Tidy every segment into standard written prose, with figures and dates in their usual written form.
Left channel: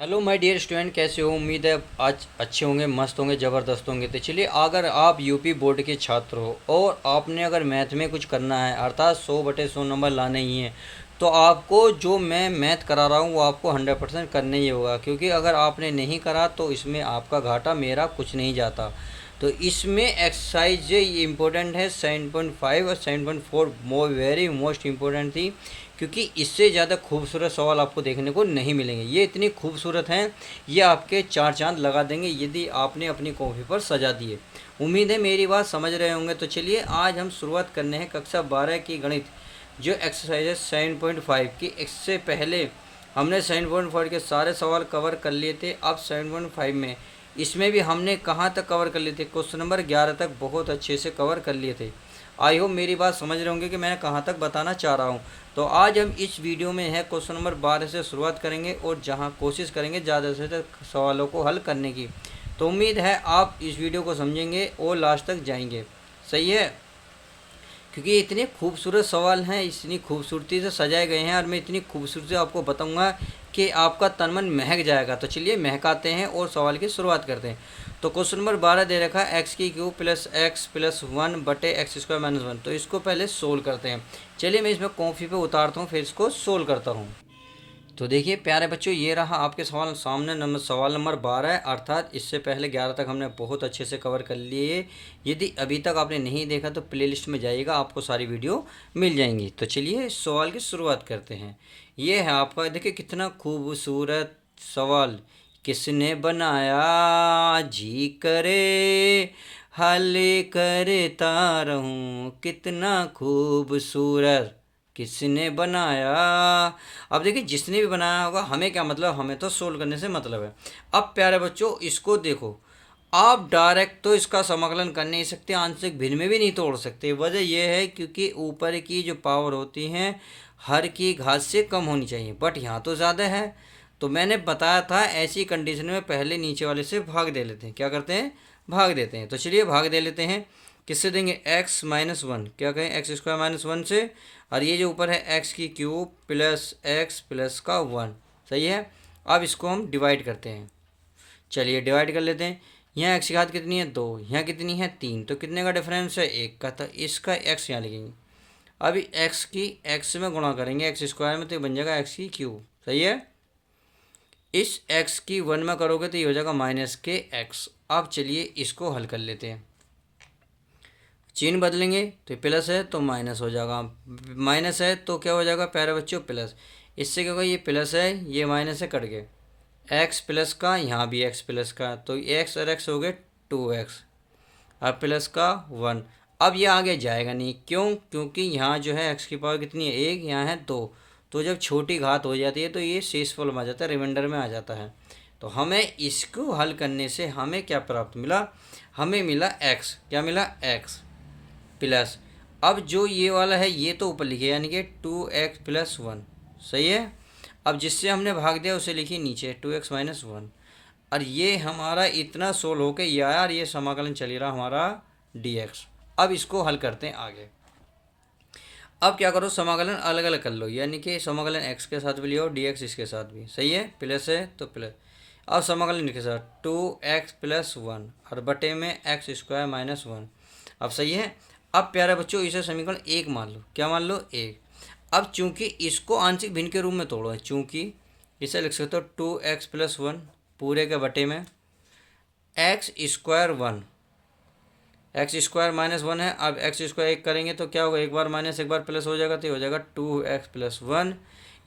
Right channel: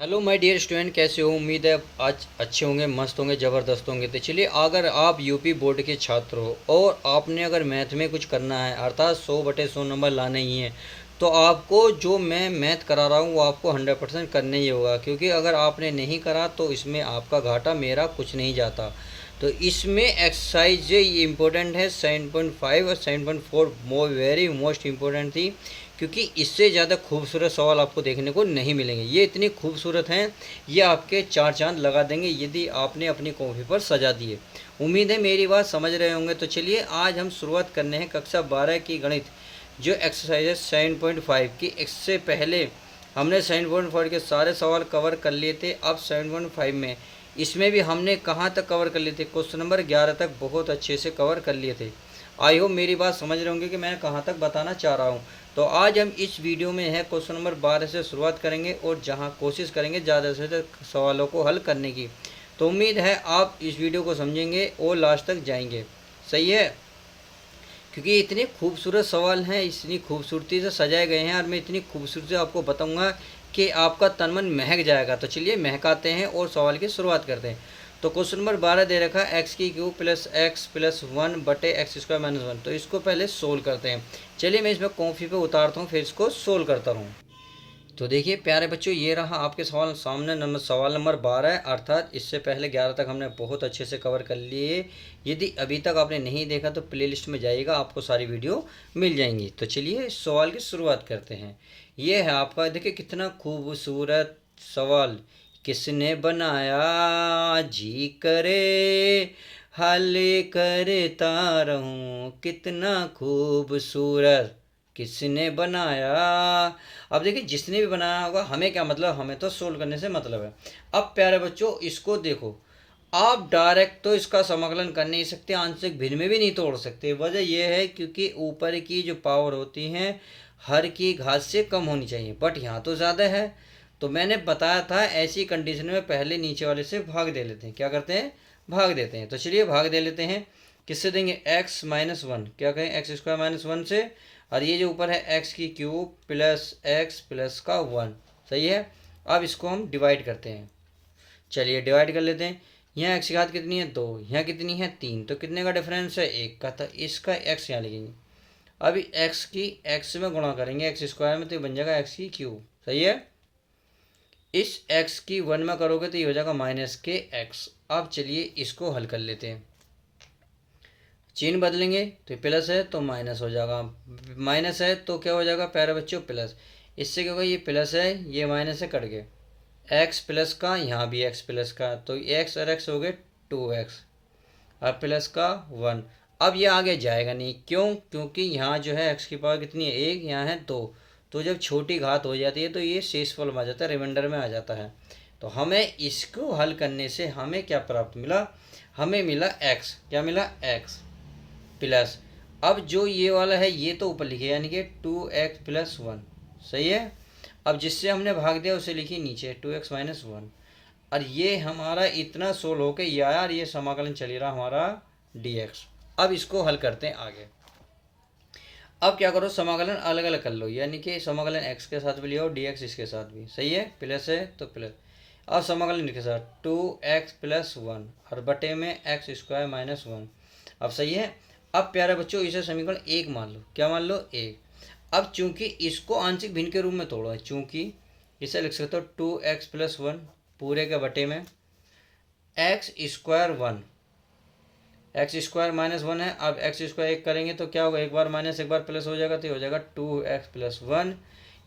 Hello my dear student, कैसे हो? उम्मीद है आज अच्छे होंगे, मस्त होंगे, ज़बरदस्त होंगे। तो चलिए, अगर आप यूपी बोर्ड के छात्र हो और आपने अगर मैथ में कुछ करना है, अर्थात 100/100 नंबर लाने ही हैं, तो आपको जो मैं मैथ करा रहा हूँ वो आपको 100% करना ही होगा। क्योंकि अगर आपने नहीं करा तो इसमें आपका घाटा, मेरा कुछ नहीं जाता। तो इसमें एक्सरसाइज ये इम्पोर्टेंट है 7.5 और 7.4 वेरी मोस्ट इम्पोर्टेंट थी। क्योंकि इससे ज़्यादा खूबसूरत सवाल आपको देखने को नहीं मिलेंगे। ये इतनी खूबसूरत हैं, ये आपके चार चांद लगा देंगे यदि आपने अपनी कॉपी पर सजा दिए। उम्मीद है मेरी बात समझ रहे होंगे। तो चलिए, आज हम शुरुआत करने हैं कक्षा 12 की गणित, जो एक्सरसाइज है 7.5 की। इससे पहले हमने 7.4 के सारे सवाल कवर कर लिए थे। अब 7.5 में इसमें भी हमने कहाँ तक कवर कर लिए थे? क्वेश्चन नंबर 11 तक बहुत अच्छे से कवर कर लिए थे। आई होप मेरी बात समझ रहे होंगे कि मैं कहाँ तक बताना चाह रहा हूँ। तो आज हम इस वीडियो में है क्वेश्चन नंबर 12 से शुरुआत करेंगे और जहाँ कोशिश करेंगे ज़्यादा से ज़्यादा सवालों को हल करने की। तो उम्मीद है आप इस वीडियो को समझेंगे और लास्ट तक जाएंगे। सही है? क्योंकि इतने खूबसूरत सवाल हैं, इतनी खूबसूरती से सजाए गए हैं और मैं इतनी खूबसूरती से आपको बताऊंगा कि आपका तन मन महक जाएगा। तो चलिए महकाते हैं और सवाल की शुरुआत करते हैं। तो क्वेश्चन नंबर 12 दे रखा है एक्स की cube plus x plus 1/x² - 1। तो इसको पहले सोल्व करते हैं। चलिए मैं इसमें कॉपी पे उतारता हूँ, फिर इसको सोल्व करता हूँ। तो देखिए प्यारे बच्चों, ये रहा आपके सवाल सामने। सवाल नंबर 12 है, अर्थात इससे पहले 11 तक हमने बहुत अच्छे से कवर कर लिए। यदि अभी तक आपने नहीं देखा तो प्लेलिस्ट में जाइएगा, आपको सारी वीडियो मिल जाएंगी। तो चलिए इस सवाल की शुरुआत करते हैं। ये है आपका, देखिए कितना खूबसूरत सवाल। किसने बनाया जी करे, हल करता रहूं, कितना खूबसूरत किसने बनाया। अब देखिए, जिसने भी बनाया होगा, हमें क्या मतलब, हमें तो सोल्व करने से मतलब है। अब प्यारे बच्चों इसको देखो, आप डायरेक्ट तो इसका समाकलन कर नहीं सकते, आंशिक भिन्न में भी नहीं तोड़ सकते। वजह यह है क्योंकि ऊपर की जो पावर होती हैं हर की घात से कम होनी चाहिए, बट यहाँ तो ज़्यादा है। तो मैंने बताया था ऐसी कंडीशन में पहले नीचे वाले से भाग दे लेते हैं। क्या करते हैं? भाग देते हैं। तो चलिए भाग दे लेते हैं। किससे देंगे? x-1, क्या कहें, x² - 1 से। और ये जो ऊपर है एक्स की क्यूब प्लस एक्स प्लस का 1। सही है? अब इसको हम डिवाइड करते हैं। चलिए डिवाइड कर लेते हैं। यहाँ एक्स की घात कितनी है? 2। यहाँ कितनी है? 3। तो कितने का डिफरेंस है? 1 का। तो इसका एक्स यहाँ लिखेंगे। अभी एक्स की एक्स में गुणा करेंगे x² में, तो बन जाएगा एक्स की क्यूब। सही है? इस एक्स की 1 में करोगे तो ये हो जाएगा -के x। अब चलिए इसको हल कर लेते हैं। चिन्ह बदलेंगे तो ये प्लस है तो माइनस हो जाएगा, माइनस है तो क्या हो जाएगा प्यारे बच्चों? प्लस। इससे क्या होगा? ये प्लस है, ये माइनस से कट गए। एक्स प्लस का, यहाँ भी एक्स प्लस का, तो एक्स और एक्स हो गए 2x। अब प्लस का 1। अब ये आगे जाएगा नहीं, क्यों? क्योंकि यहाँ जो है एक्स की पावर कितनी है? 1, यहाँ है 2। तो जब छोटी घात हो जाती है तो ये शेषफल में आ जाता है, रिमाइंडर में आ जाता है। तो हमें इसको हल करने से हमें क्या प्राप्त मिला? हमें मिला एक्स। क्या मिला? X plus. अब जो ये वाला है ये तो ऊपर लिखे, यानी कि 2x+1। सही है? अब जिससे हमने भाग दिया उसे लिखिए नीचे 2x - 1। और ये हमारा इतना सोल्व हो के ये आया, और ये समाकलन चल ही रहा हमारा dx। अब इसको हल करते हैं आगे। अब क्या करो, समाकलन अलग अलग कर लो, यानी कि समाकलन x के साथ भी लियो, dx इसके साथ भी। सही है? प्लस है तो प्लस। अब समाकलन के साथ 2x+1 और बटे में x² - 1। अब सही है? अब प्यारे बच्चों इसे समीकरण 1 मान लो। क्या मान लो? 1। अब चूंकि इसको आंशिक भिन्न के रूप में तोड़ो है, चूंकि इसे लिख सकते हो 2x+1 पूरे के बटे में x²1। x² - 1 है। अब x² 1 करेंगे तो क्या होगा? एक बार माइनस एक बार प्लस हो जाएगा, तो हो जाएगा 2x+1।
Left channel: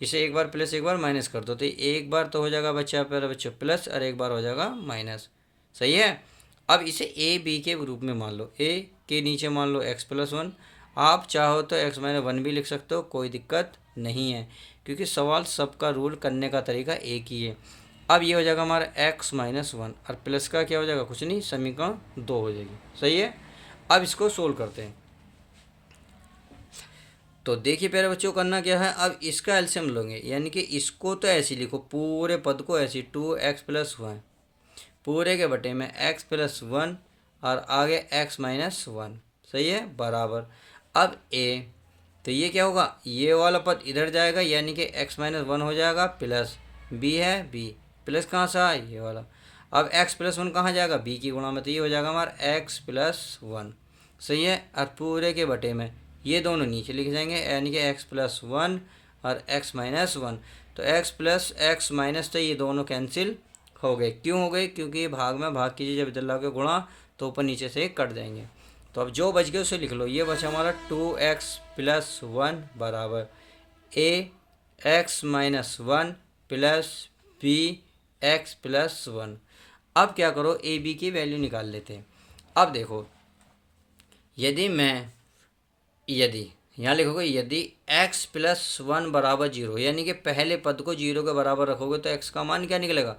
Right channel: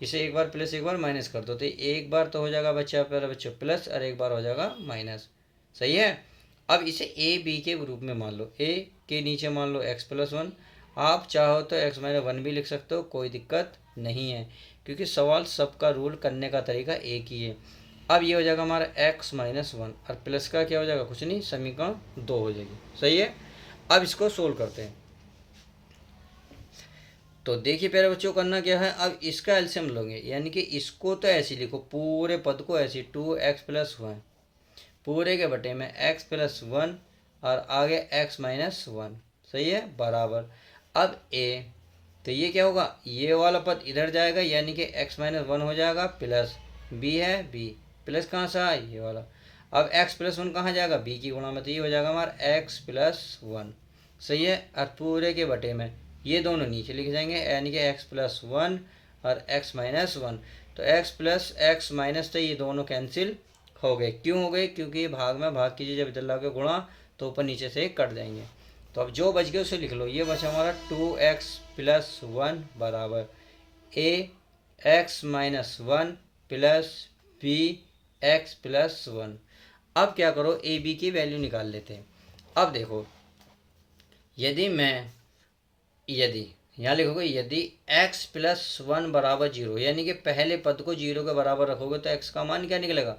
इसे एक बार प्लस एक बार माइनस कर दो, तो एक बार तो हो जाएगा बच्चा प्यारे बच्चों प्लस, और एक बार हो जाएगा माइनस। सही है? अब इसे ए बी के रूप में मान लो। ए के नीचे मान लो x+1। आप चाहो तो x-1 भी लिख सकते हो, कोई दिक्कत नहीं है, क्योंकि सवाल सबका रूल करने का तरीका एक ही है। अब ये हो जाएगा हमारा x-1, और प्लस का क्या हो जाएगा? कुछ नहीं, समीकरण 2 हो जाएगी। सही है? अब इसको सोल्व करते हैं। तो देखिए प्यारे बच्चों, करना क्या है, अब इसका एलसीएम लोगे, यानी कि इसको तो ऐसे लिखो, पूरे पद को ऐसे 2x+1 पूरे के बटे में x+1 और आगे x-1। सही है? बराबर। अब a, तो ये क्या होगा? ये वाला पद इधर जाएगा, यानी कि x-1 हो जाएगा, प्लस b है b, प्लस कहाँ से आया, ये वाला। अब x प्लस वन कहाँ जाएगा, b की गुणा में, तो ये हो जाएगा हमारा x प्लस वन। सही है। और पूरे के बटे में ये दोनों नीचे लिख जाएंगे, यानी कि x प्लस वन और x माइनस वन। तो x प्लस x माइनस, तो ये दोनों कैंसिल हो गए। क्यों हो गए, क्योंकि भाग में भाग कीजिए जब इधर लाके गुणा तो ऊपर नीचे से कट जाएंगे। तो अब जो बच गया उसे लिख लो। ये बचा हमारा 2x प्लस वन बराबर a x minus one plus b x plus one. अब क्या करो, ए बी की वैल्यू निकाल लेते हैं। अब देखो, यदि यहाँ लिखोगे यदि x प्लस वन बराबर जीरो, यानी कि पहले पद को जीरो के बराबर रखोगे तो x का मान क्या निकलेगा,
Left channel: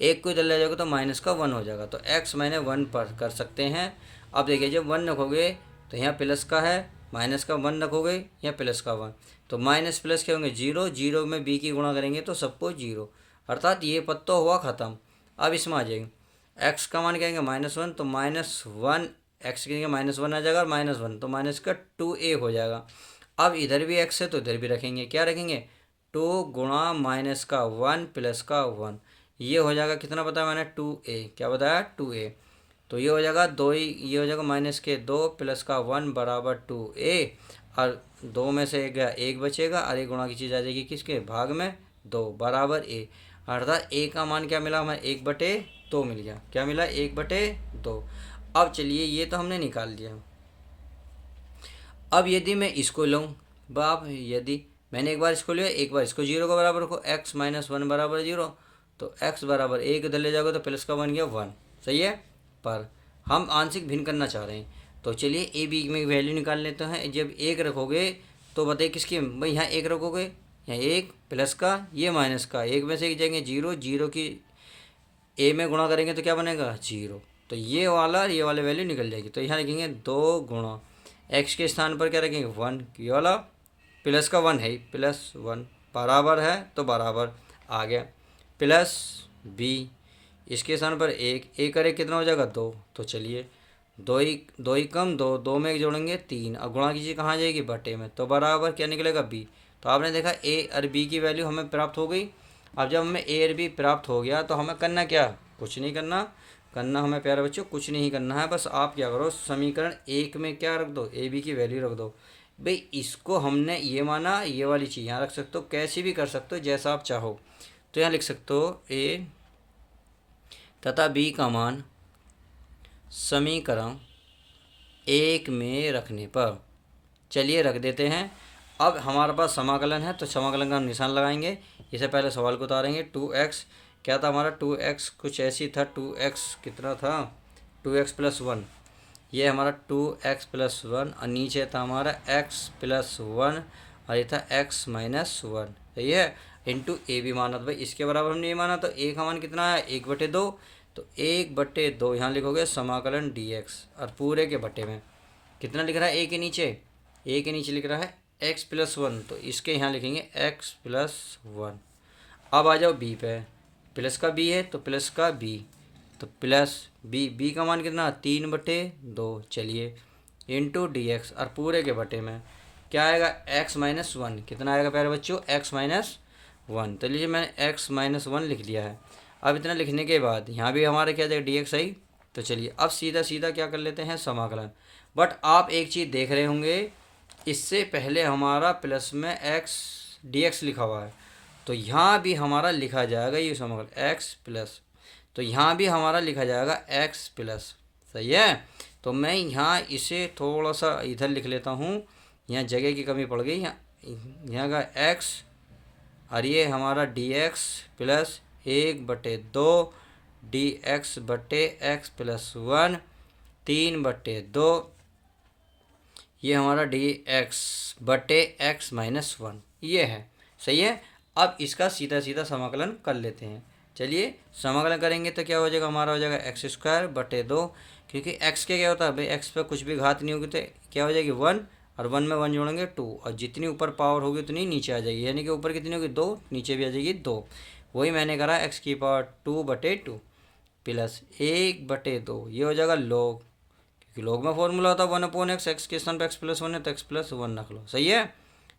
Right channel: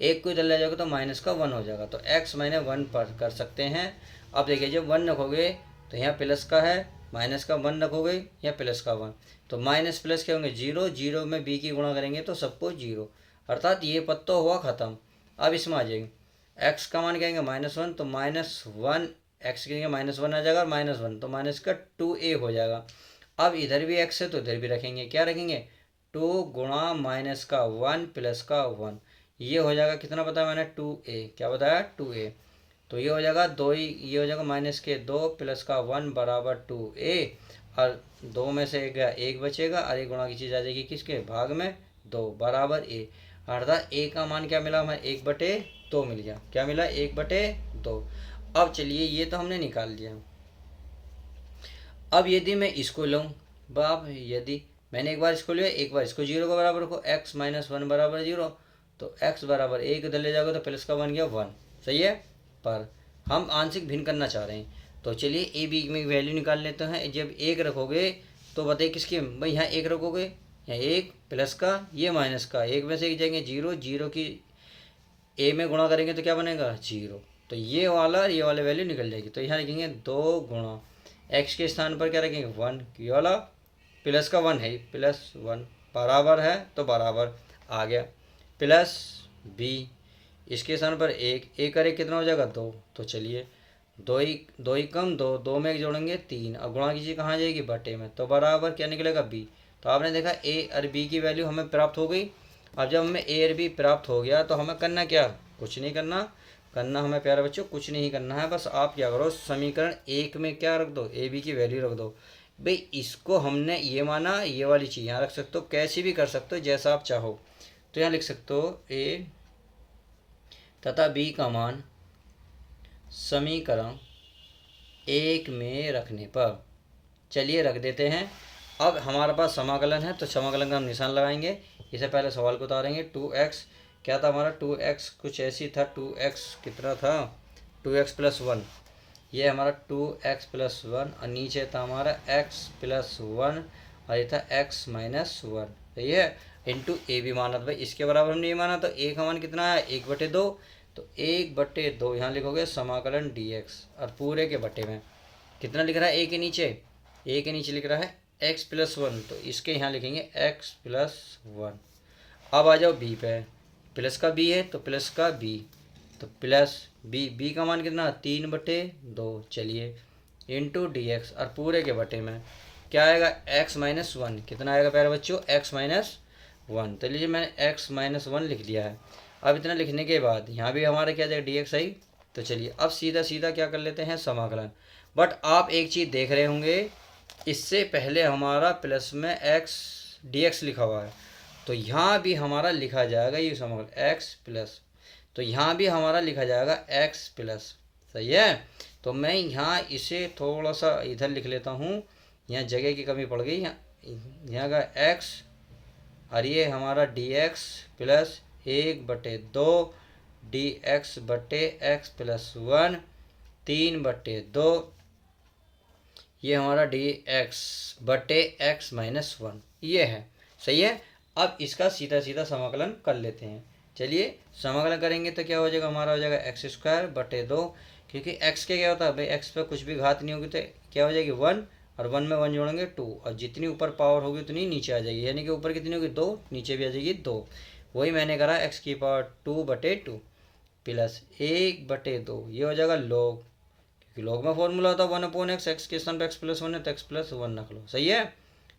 एक को इधर ले जाओगे तो माइनस का वन हो जाएगा। तो x माइनस वन पर कर सकते हैं। अब देखिए, जब वन रखोगे तो यहाँ प्लस का है, माइनस का वन रखोगे यहाँ प्लस का वन, तो माइनस प्लस क्या होंगे, जीरो। जीरो में b की गुणा करेंगे तो सबको जीरो, अर्थात ये पद तो हुआ ख़त्म। अब इसमें आ जाएंगे, x का मान कहेंगे माइनस वन, तो माइनस वन एक्स की जगह माइनस वन आ जाएगा, और माइनस वन तो माइनस का 2a हो जाएगा। अब इधर भी x है तो इधर भी रखेंगे, क्या रखेंगे, 2 गुणा माइनस का वन प्लस का वन। ये हो जाएगा कितना बताया मैंने, 2a। क्या बताया, 2a। तो ये हो जाएगा दो ही, ये हो जाएगा माइनस के दो प्लस का वन बराबर 2a। और दो में से एक बचेगा, और एक गुणा की चीज़ आ जाएगी किसके भाग में, दो बराबर a। अर्थात a का मान क्या मिला हमें, 1/2 मिल गया। क्या मिला, 1/2। अब चलिए, ये तो हमने निकाल दिया। अब यदि मैं इसको लूँ, बाप, यदि मैंने एक बार इसको लिया, एक बार इसको जीरो के बराबर रखो, x माइनस वन बराबर जीरो, तो x बराबर एक इधर ले जाओगे तो प्लस का बन गया वन। सही है। पर हम आंशिक भिन्न करना चाह रहे हैं, तो चलिए ए बी में वैल्यू निकाल लेते हैं। जब एक रखोगे तो बताइए किसकी, भाई यहाँ एक रखोगे, यहाँ एक प्लस का, ये माइनस का, एक में से एक जाएंगे जीरो, जीरो की ए में गुणा करेंगे तो क्या बनेगा, जीरो। तो ये वाला वैल्यू निकल जाएगी। तो यहाँ लिखेंगे दो गुणा, एक्स के स्थान पर क्या रखेंगे, वन, ये वाला प्लस का वन है, प्लस वन बराबर है तो बराबर आ गया, प्लस बी इसके स्थान पर एक करे कितना हो जाएगा, दो। तो चलिए, दो ही कम दो, दो में जोड़ेंगे तीन, अब गुणा कीजिए कहाँ आ जाएगी, बटे में, तो बराबर क्या निकलेगा, बी। तो आपने देखा ए और बी की वैल्यू हमें प्राप्त हो गई। अब जब हमें ए और बी प्राप्त हो गया तो हमें करना क्या, कुछ नहीं करना हमें प्यारे बच्चों, कुछ नहीं करना है। बस आप क्या करो, समीकरण एक में क्या रख दो, ए बी की वैल्यू रख दो। भाई इसको हमने ये माना, ये वाली चीज़ यहाँ रख सकते हो, कैसे भी कर सकते हो जैसा आप चाहो। तो यहाँ लिख सकते हो ए तथा बी का मान समीकरण एक में रखने पर, चलिए रख देते हैं। अब हमारे पास समाकलन है तो समाकलन का हम निशान लगाएंगे। इससे पहले सवाल को उतारेंगे। 2x क्या था हमारा, 2x कुछ ऐसी था, 2x कितना था, 2x प्लस वन, ये हमारा 2x प्लस वन, और नीचे था हमारा x प्लस वन, और ये था x माइनस वन। सही है। इंटू ए भी माना था भाई, इसके बराबर हमने ये माना, तो ए का मान कितना है, 1/2। तो 1/2 यहाँ लिखोगे समाकलन dx, और पूरे के बटे में कितना लिख रहा है, ए के नीचे लिख रहा है x प्लस वन, तो इसके यहाँ लिखेंगे x प्लस वन। अब आ जाओ बी पे, प्लस का बी है तो प्लस का बी, तो प्लस बी का मान कितना, 3/2। चलिए, इंटू डी एक्स, और पूरे के बटे में क्या आएगा, x माइनस वन। कितना आएगा प्यारे बच्चों, x माइनस वन। तो लीजिए मैंने x माइनस वन लिख दिया है। अब इतना लिखने के बाद यहाँ भी हमारे क्या जाएगा, डी एक्स आई। तो चलिए अब सीधा क्या कर लेते हैं, समाकलन। बट आप एक चीज़ देख रहे होंगे, इससे पहले हमारा प्लस में x dx लिखा हुआ है, तो यहाँ भी हमारा लिखा जाएगा ये समाकलन x प्लस, तो यहाँ भी हमारा लिखा जाएगा x प्लस। सही है। तो मैं यहाँ इसे थोड़ा सा इधर लिख लेता हूँ, यहाँ जगह की कमी पड़ गई, यहाँ का x, और ये हमारा dx प्लस 1/2 dx बटे x प्लस वन, 3/2, ये हमारा dx बटे x माइनस वन, ये है। सही है। अब इसका सीधा समाकलन कर लेते हैं। चलिए समाकलन करेंगे तो क्या हो जाएगा, हमारा हो जाएगा x² बटे 2, क्योंकि x के क्या होता है भाई, x पे कुछ भी घात नहीं होगी तो क्या हो जाएगी 1, और 1 में 1 जोड़ेंगे 2, और जितनी ऊपर पावर होगी उतनी नीचे आ जाएगी, यानी कि ऊपर कितनी होगी 2, नीचे भी आ जाएगी 2। वही मैंने करा x² 2/2 प्लस 1/2, ये हो जाएगा log, क्योंकि log में फॉर्मूला होता है 1/x, x के स्थान पर x प्लस वन है तो x प्लस वन रख लो। सही है।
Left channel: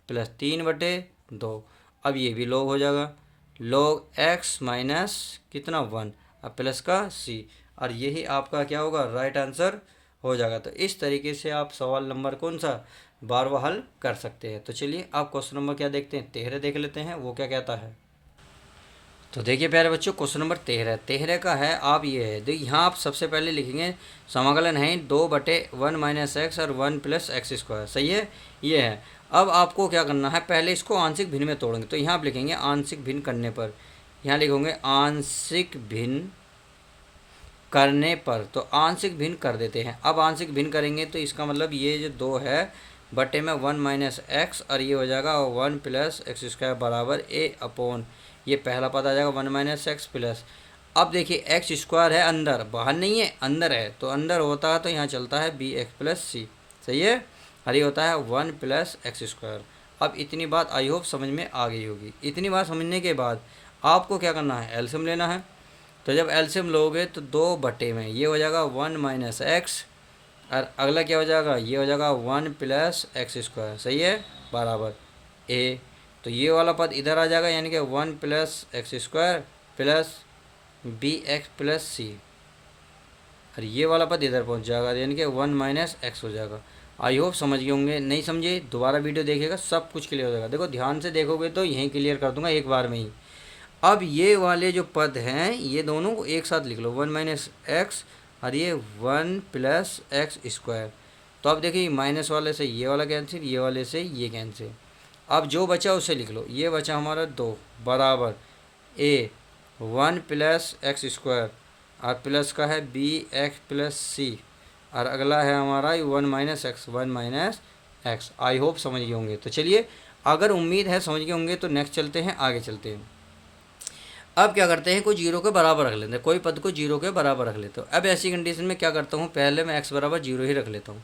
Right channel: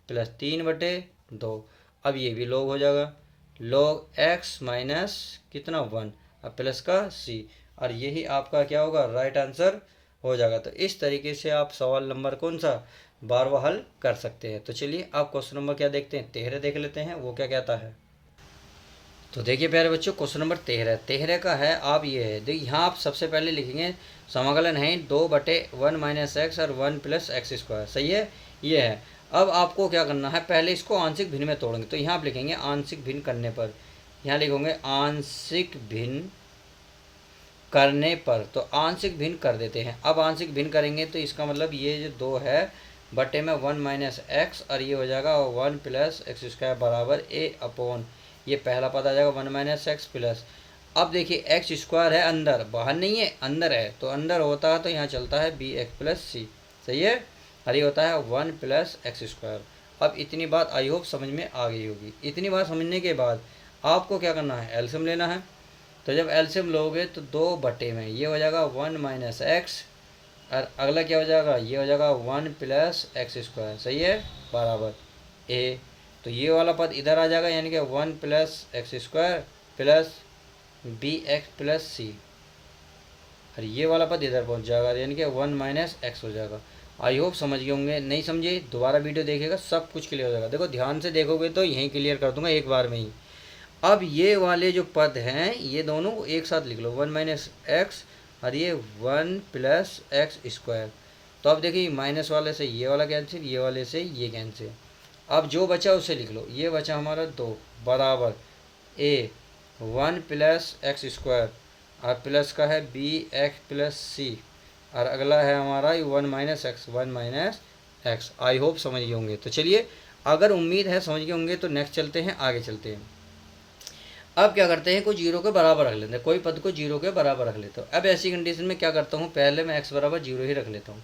प्लस 3/2, अब ये भी log हो जाएगा, log x माइनस कितना 1, अब प्लस का c, और यही आपका क्या होगा, राइट आंसर हो जाएगा। तो इस तरीके से आप सवाल नंबर कौन सा 12वां हल कर सकते हैं। तो चलिए आप क्वेश्चन नंबर क्या देखते हैं, 13 देख लेते हैं, वो क्या कहता है। तो देखिए प्यारे बच्चों, क्वेश्चन नंबर 13 का है। आप ये है, तो यहाँ आप सबसे पहले लिखेंगे समाकलन है 2/1 माइनस एक्स और 1 प्लस एक्स स्क्वायर, सही है, ये है। अब आपको क्या करना है, पहले इसको आंशिक भिन्न में तोड़ेंगे। तो यहाँ आप लिखेंगे आंशिक भिन्न करने पर, यहाँ लिखोगे आंशिक भिन्न करने पर, तो आंशिक भिन्न कर देते हैं। अब आंशिक भिन्न करेंगे तो इसका मतलब ये जो 2 है बटे में 1 माइनस एक्स, और ये हो जाएगा 1 प्लस एक्स स्क्वायर बराबर ए अपॉन, ये पहला पद आ जाएगा 1 माइनस एक्स प्लस। अब देखिए एक्स स्क्वायर है अंदर, बाहर नहीं है, अंदर है, तो अंदर होता है तो यहाँ चलता है बी एक्स प्लस सी, सही है, और ये होता है 1 प्लस एक्स स्क्वायर। अब इतनी बात आई होप समझ में आ गई होगी। इतनी बात समझने के बाद आपको क्या करना है, एलसीएम लेना है। तो जब एलसीएम लोगे तो 2 बटे में ये हो जाएगा 1 माइनस एक्स, और अगला क्या हो जाएगा, ये हो जाएगा 1 प्लस एक्स स्क्वायर, सही है, बराबर ए। तो ये वाला पद इधर आ जाएगा, यानी कि 1 plus x square plus b x plus c, और ये वाला पद इधर पहुंच जाएगा, यानी कि 1 माइनस एक्स हो जाएगा। आई होप समझ गए होंगे, नहीं समझे दोबारा वीडियो देखिएगा, सब कुछ क्लियर हो जाएगा। देखो ध्यान से देखोगे तो यहीं क्लियर कर दूंगा एक बार में ही। अब ये वाले जो पद हैं ये दोनों को एक साथ लिख लो, 1 माइनस एक्स और ये 1 प्लस एक्स स्क्वायर। तो अब देखिए माइनस वाले से ये वाला कैंसिल, ये वाले से ये कैंसिल। अब जो बचा उसे लिख लो, ये बचा हमारा 2 बराबर ए 1 प्लस एक्स स्क्वायर, और प्लस का है बी एक्स प्लस सी, और अगला है हमारा 1 minus x, 1 minus x. I hope समझ गए होंगे। तो चलिए, अगर उम्मीद है समझ गए होंगे तो नेक्स्ट चलते हैं, आगे चलते हैं। अब क्या करते हैं, कोई जीरो के बराबर रख लेते हैं, कोई पद को जीरो के बराबर रख लेते हो। अब ऐसी कंडीशन में क्या करता हूँ, पहले मैं एक्स बराबर जीरो ही रख लेता हूँ।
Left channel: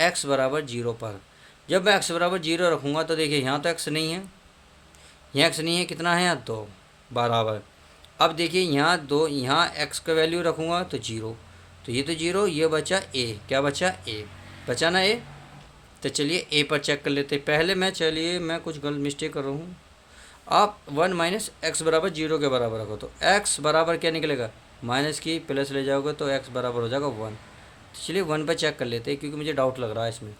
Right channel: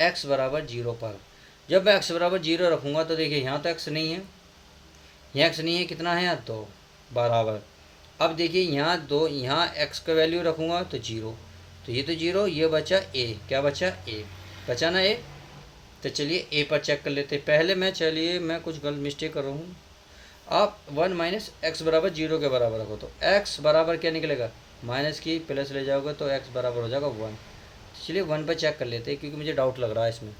एक्स बराबर जीरो पर जब मैं एक्स बराबर जीरो रखूँगा तो देखिए यहाँ तो एक्स नहीं है, यहाँ एक्स नहीं है, कितना है यहाँ 2 बराबर। अब देखिए यहाँ 2, यहाँ एक्स का वैल्यू रखूँगा तो जीरो, तो ये तो जीरो, ये बचा ए, क्या बचा ए, बचा ना ए। तो चलिए ए पर चेक कर लेते पहले मैं, चलिए मैं कुछ गलत मिस्टेक कर रहा हूँ। आप 1 माइनस एक्स बराबर जीरो के बराबर रखो, तो एक्स बराबर क्या निकलेगा, माइनस की प्लस ले जाओगे तो एक्स बराबर हो जाएगा 1। चलिए 1 पे चेक कर लेते हैं, क्योंकि मुझे डाउट लग रहा है इसमें,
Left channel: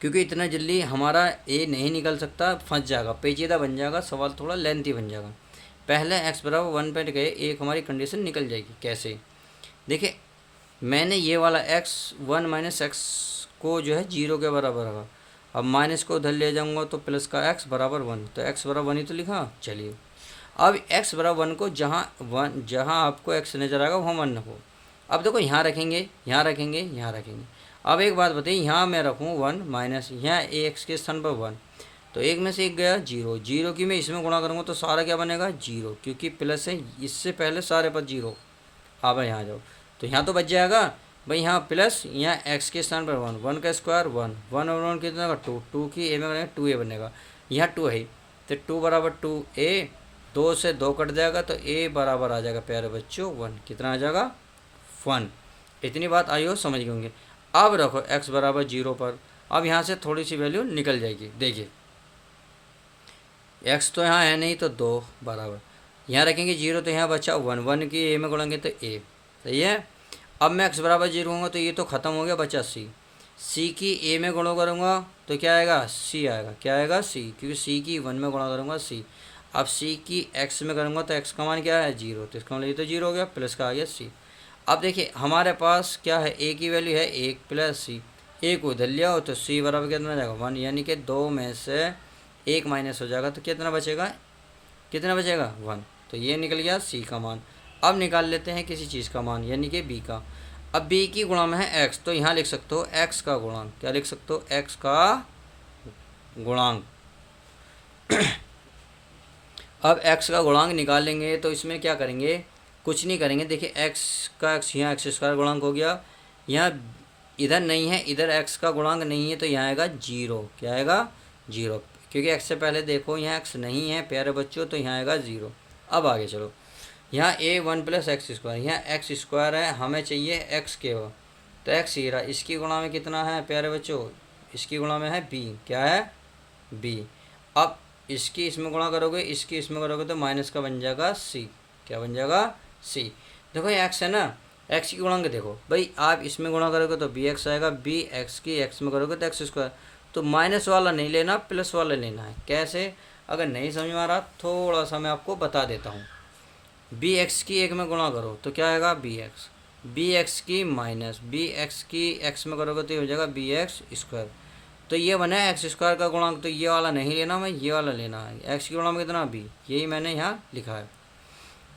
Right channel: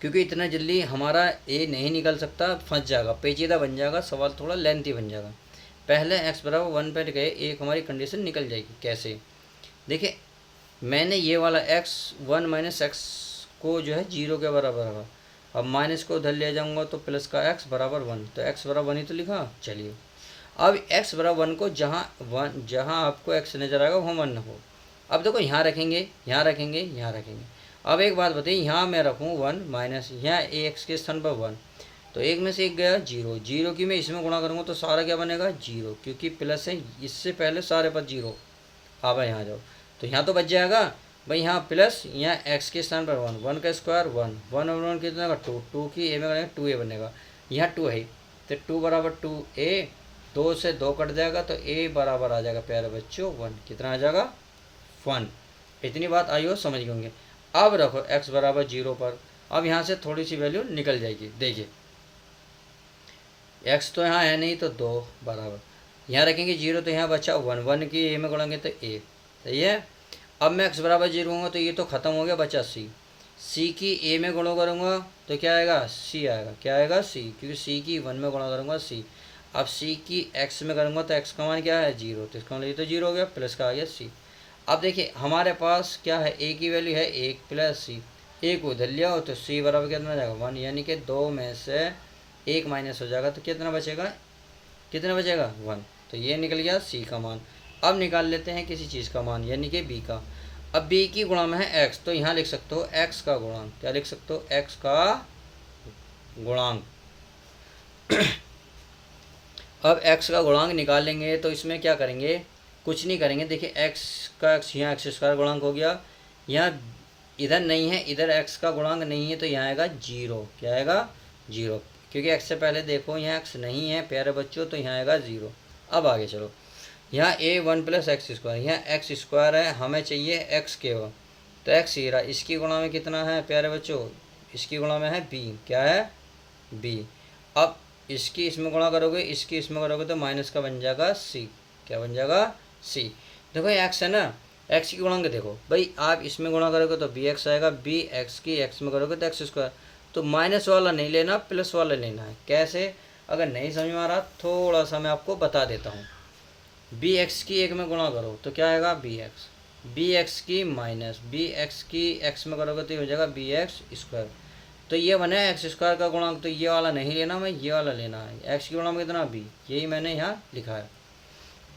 क्योंकि इतना जल्दी हमारा ए नहीं निकल सकता, फंस जाएगा, पेचीदा बन जाएगा, सवाल थोड़ा लेंथी बन जाएगा। पहले एक्स बराबर 1 पे गए, एक हमारी कंडीशन निकल जाएगी। कैसे, देखिए मैंने ये वाला एक्स 1 माइनस एक्स को जो है जीरो के बराबर रखा, अब माइनस को उधर ले जाऊंगा तो प्लस का एक्स बराबर 1, तो एक्स बराबर 1 ही तो लिखा। चलिए अब एक्स बराबर 1 को जहाँ आपको एक्स नज़र आएगा वहाँ 1 हो। अब देखो यहाँ रखेंगे, यहाँ रखेंगे, यहाँ रखेंगे। अब एक बात बताइए, यहाँ मैं रखूँ 1 माइनस, यहाँ ए एक्स के स्थान पर 1, तो एक में से एक गया जीरो, जीरो की मैं इसमें गुणा करूँगा तो सारा क्या बनेगा जीरो, क्योंकि प्लस है, इससे पहले सारे पर जीरो। हाँ भाई यहाँ जाओ, तो यहाँ तो बच जाएगा भाई, यहाँ प्लस, यहाँ एक्स के स्थान पर 1, 1 का स्क्वायर 1, 1 और 1 कितना होगा 2, 2 की ए में बनेगा 2a बनेगा, यहाँ 2 है, तो 2 बराबर 2a, 2 से 2 कट जाएगा तो a बराबर आ जाएगा प्यारे बच्चों 1, कितना आ जाएगा 1। इतनी बात आई हो समझ गए होंगे। अब रखो x बराबर जीरो पर, अब यहाँ से थोड़ी सी वैल्यू निकल जाएगी। देखिए x तो यहाँ है नहीं, तो 2 बराबर, यहाँ रखेंगे जीरो तो यहाँ बचा 1, 1 की ए में गुणेंगे तो a, सही है। अब मैं x बराबर जीरो होगा तो ये तो ख़त्म हो गया, बचा c, c की a में गुणा करूँगा तो क्या आएगा c आएगा, क्या आएगा c, क्योंकि c की 1 में गुणा करूँगा c। अब c की x में करूँगा तो x का मान क्या है जीरो, तो इसका मतलब ये तो जीरो हो गया, प्लस का आ गया c। अब देखिए हमारे पास क्या है, a की वैल्यू है 1 प्लस c, a को उधर लिया हो तो c बराबर कितना जाएगा 1, यानी कि 2 में से 1 माइनस हो जाएगा तो कितना बचेगा, कितना बचेगा 1, तो ये निकल गया c का मान। अब निकाल लेते हैं किसी चीज़ का मान, यानी कि b का। अब b की गुणा में है x, तो यहाँ लिख सकते हो x का गुणांक, क्या लिख सकते हो x का गुणांक। अब x का गुणांक निकालेंगे तो इसमें क्या करेंगे, कुछ नहीं करेंगे। देखिए x का x, यहाँ एक्स स्क्वायर गुणांक हो गया, यहाँ इधर नहीं है, इधर x का गुणांक नहीं है, तो यहाँ आएगा जीरो, क्या आएगा जीरो, क्योंकि x से पहले देखो यहाँ x नहीं है प्यारे बच्चों, तो यहाँ आएगा जीरो। अब आगे चलो, यहाँ a 1 प्लस एक्स स्क्वायर, यहाँ एक्स स्क्वायर है, हमें चाहिए x के वो, तो x ही रहा, इसकी गुणा में कितना है प्यारे बच्चों, इसकी गुणा में है b, क्या है b। अब इसकी इसमें गुणा करोगे, इसकी इसमें करोगे तो माइनस का बन जाएगा सी। क्या बन जाएगा? सी। देखो एक्स है ना, एक्स की गुणांक देखो भाई, आप इसमें गुणा करोगे तो बी एक्स आएगा, बी एक्स की एक्स में करोगे तो एक्स स्क्वायर। तो माइनस वाला नहीं लेना, प्लस वाला लेना है। कैसे? अगर नहीं समझ में आ रहा थोड़ा सा मैं आपको बता देता हूँ। बी एक्स की एक में गुणा करो तो क्या आएगा? B X. बी एक्स की माइनस बी एक्स की एक्स में करोगे तो ये हो जाएगा बी एक्स स्क्वायर। तो ये बना है एक्स स्क्वायर का गुणांक, तो ये वाला नहीं लेना, मैं ये वाला लेना है। एक्स की गुणांक कितना? बी, यही मैंने यहाँ लिखा है।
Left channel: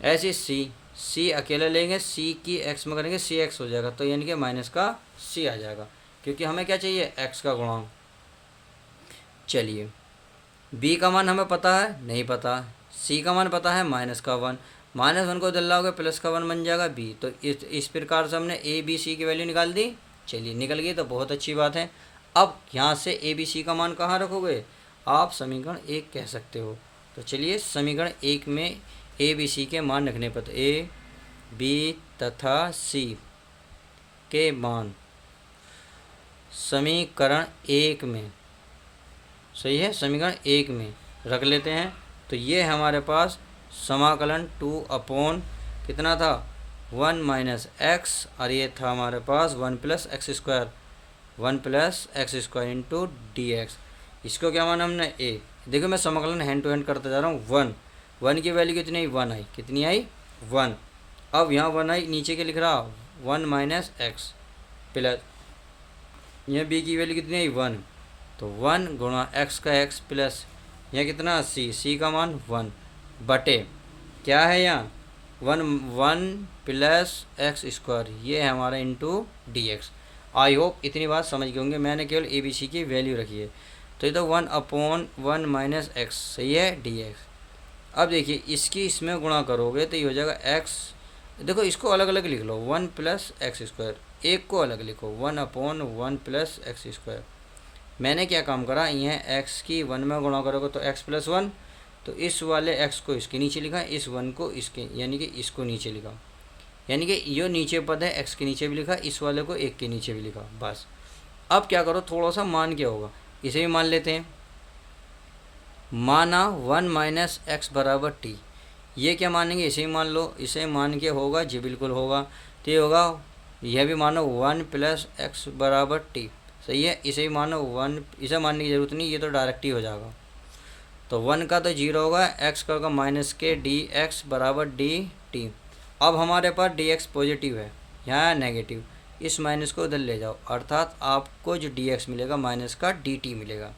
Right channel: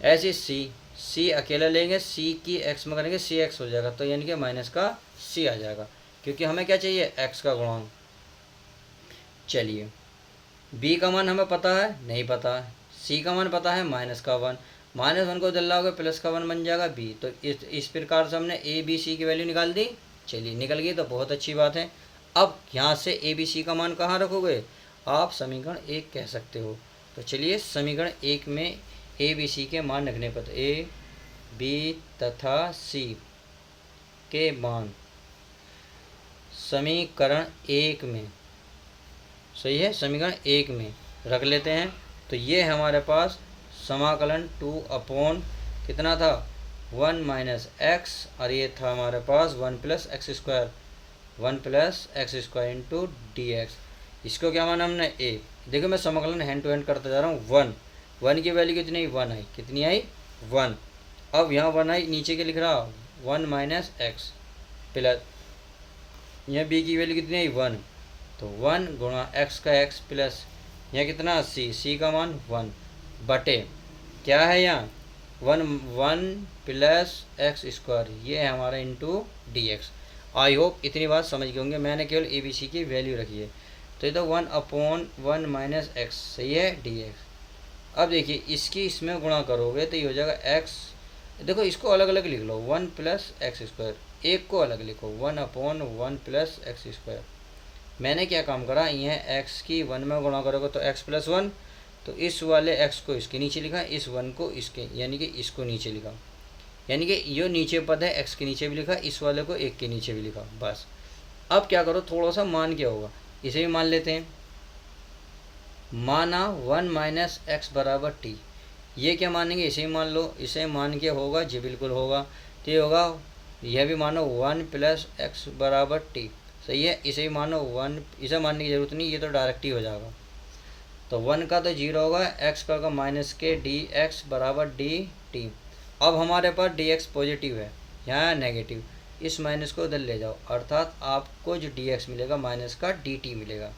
ऐसे सी अकेला लेंगे, सी की एक्स में करेंगे, सी एक्स हो जाएगा, तो यानी कि माइनस का सी आ जाएगा, क्योंकि हमें क्या चाहिए? एक्स का गुणांक। चलिए, बी का मान हमें पता है? नहीं पता। सी का मान पता है? माइनस का वन। माइनस वन को दल्लाओगे प्लस का वन बन जाएगा बी। तो इस प्रकार से हमने ए बी सी की वैल्यू निकाल दी। चलिए, निकल गई तो बहुत अच्छी बात है। अब यहाँ से ए बी सी का मान कहाँ रखोगे? आप समीकरण एक कह सकते हो। तो चलिए, समीकरण एक में ए बी सी के मान रखने पर ए बी तथा सी के मान समीकरण एक में, सही है, समीकरण एक में रख लेते हैं। तो ये हमारे पास समाकलन 2 अपॉन कितना था? 1 माइनस एक्स, और ये था हमारे पास 1 plus x square, 1 plus x square into D x. इसको क्या माना हमने? ए। देखो मैं समाकलन हैंड टू हैंड करता जा रहा हूँ। 1 की वैल्यू कितनी आई? 1 आई। कितनी आई? 1। अब यहाँ 1 आई, नीचे के लिख रहा 1 माइनस एक्स प्लस, यहाँ बी की वैल्यू कितनी आई? 1। तो 1 गुणा एक्स का एक्स प्लस यहाँ कितना? सी का मान 1 बटे क्या है यहाँ? 1 प्लस एक्स स्क्वायर, ये है हमारा इंटू डी एक्स। आई होप इतनी बात समझ गए होंगे, मैंने केवल ए बी सी की वैल्यू रखी है। तो ये तो 1 अपॉन 1 माइनस एक्स, सही है, डी एक्स। अब देखिए, इसकी इसमें गुणा करोगे तो ये हो जाएगा एक्स। देखो इसको अलग अलग लिख लो, 1 प्लस एक्स स्क्वायर, एक को अलग लिखो, 1 अपॉन 1 प्लस एक्स स्क्वायर। मैंने क्या काम करा, यह एक्स की 1 में गुणा करोगे तो एक्स प्लस 1, तो इस वाले एक्स को इसके नीचे लिखा, इस 1 को इसके, यानी कि इसको नीचे लिखा, यानी कि ये नीचे पद है एक्स के नीचे भी लिखा, इस वाले को एक के नीचे भी लिखा, बस। अब क्या करो, थोड़ा सा मान क्या होगा, इसे भी मान लेते हैं। माना 1 माइनस एक्स बराबर टी, ये क्या मानेंगे? इसे ही मान लो, इसे मान के होगा जी, बिल्कुल होगा। तो ये होगा, यह भी मानो 1 प्लस एक्स बराबर टी, सही है, इसे ही मानो 1, इसे मानने की ज़रूरत नहीं, ये तो डायरेक्ट ही हो जाएगा। तो 1 का तो 0 होगा, एक्स का होगा माइनस के डी एक्स बराबर डी टी। अब हमारे पास डी एक्स पॉजिटिव है, यहाँ नेगेटिव, इस माइनस को उधर ले जाओ, अर्थात आपको जो डी एक्स मिलेगा माइनस का डी टी मिलेगा।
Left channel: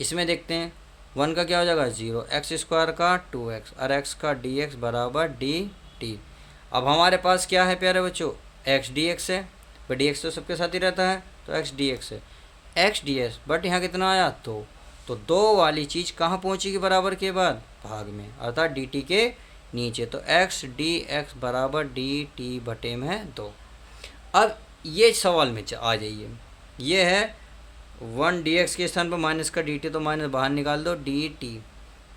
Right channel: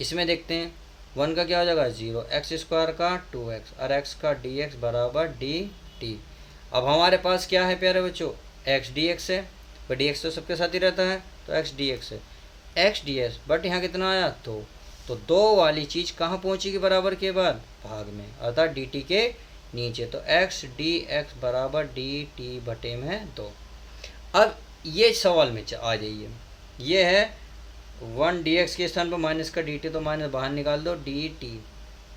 इसमें देखते हैं, 1 का क्या हो जाएगा? 0, एक्स स्क्वायर का 2x और एक्स का डी एक्स बराबर डी टी। अब हमारे पास क्या है प्यारे बच्चों? एक्स डी एक्स है, बट डी एक्स तो सबके साथ ही रहता है, तो एक्स डी एक्स है, एक्स डी एक्स, बट यहाँ कितना आया? तो 2 वाली चीज़ कहाँ पहुँचेगी बराबर के बाद? भाग में, अर्थात डी टी के नीचे। तो एक्स डी एक्स बराबर डी टी बटे में 2। अब ये सवाल में आ जाइए, ये है 1 डी एक्स के स्थान पर माइनस का डी टी, तो माइनस बाहर निकाल दो, डी टी,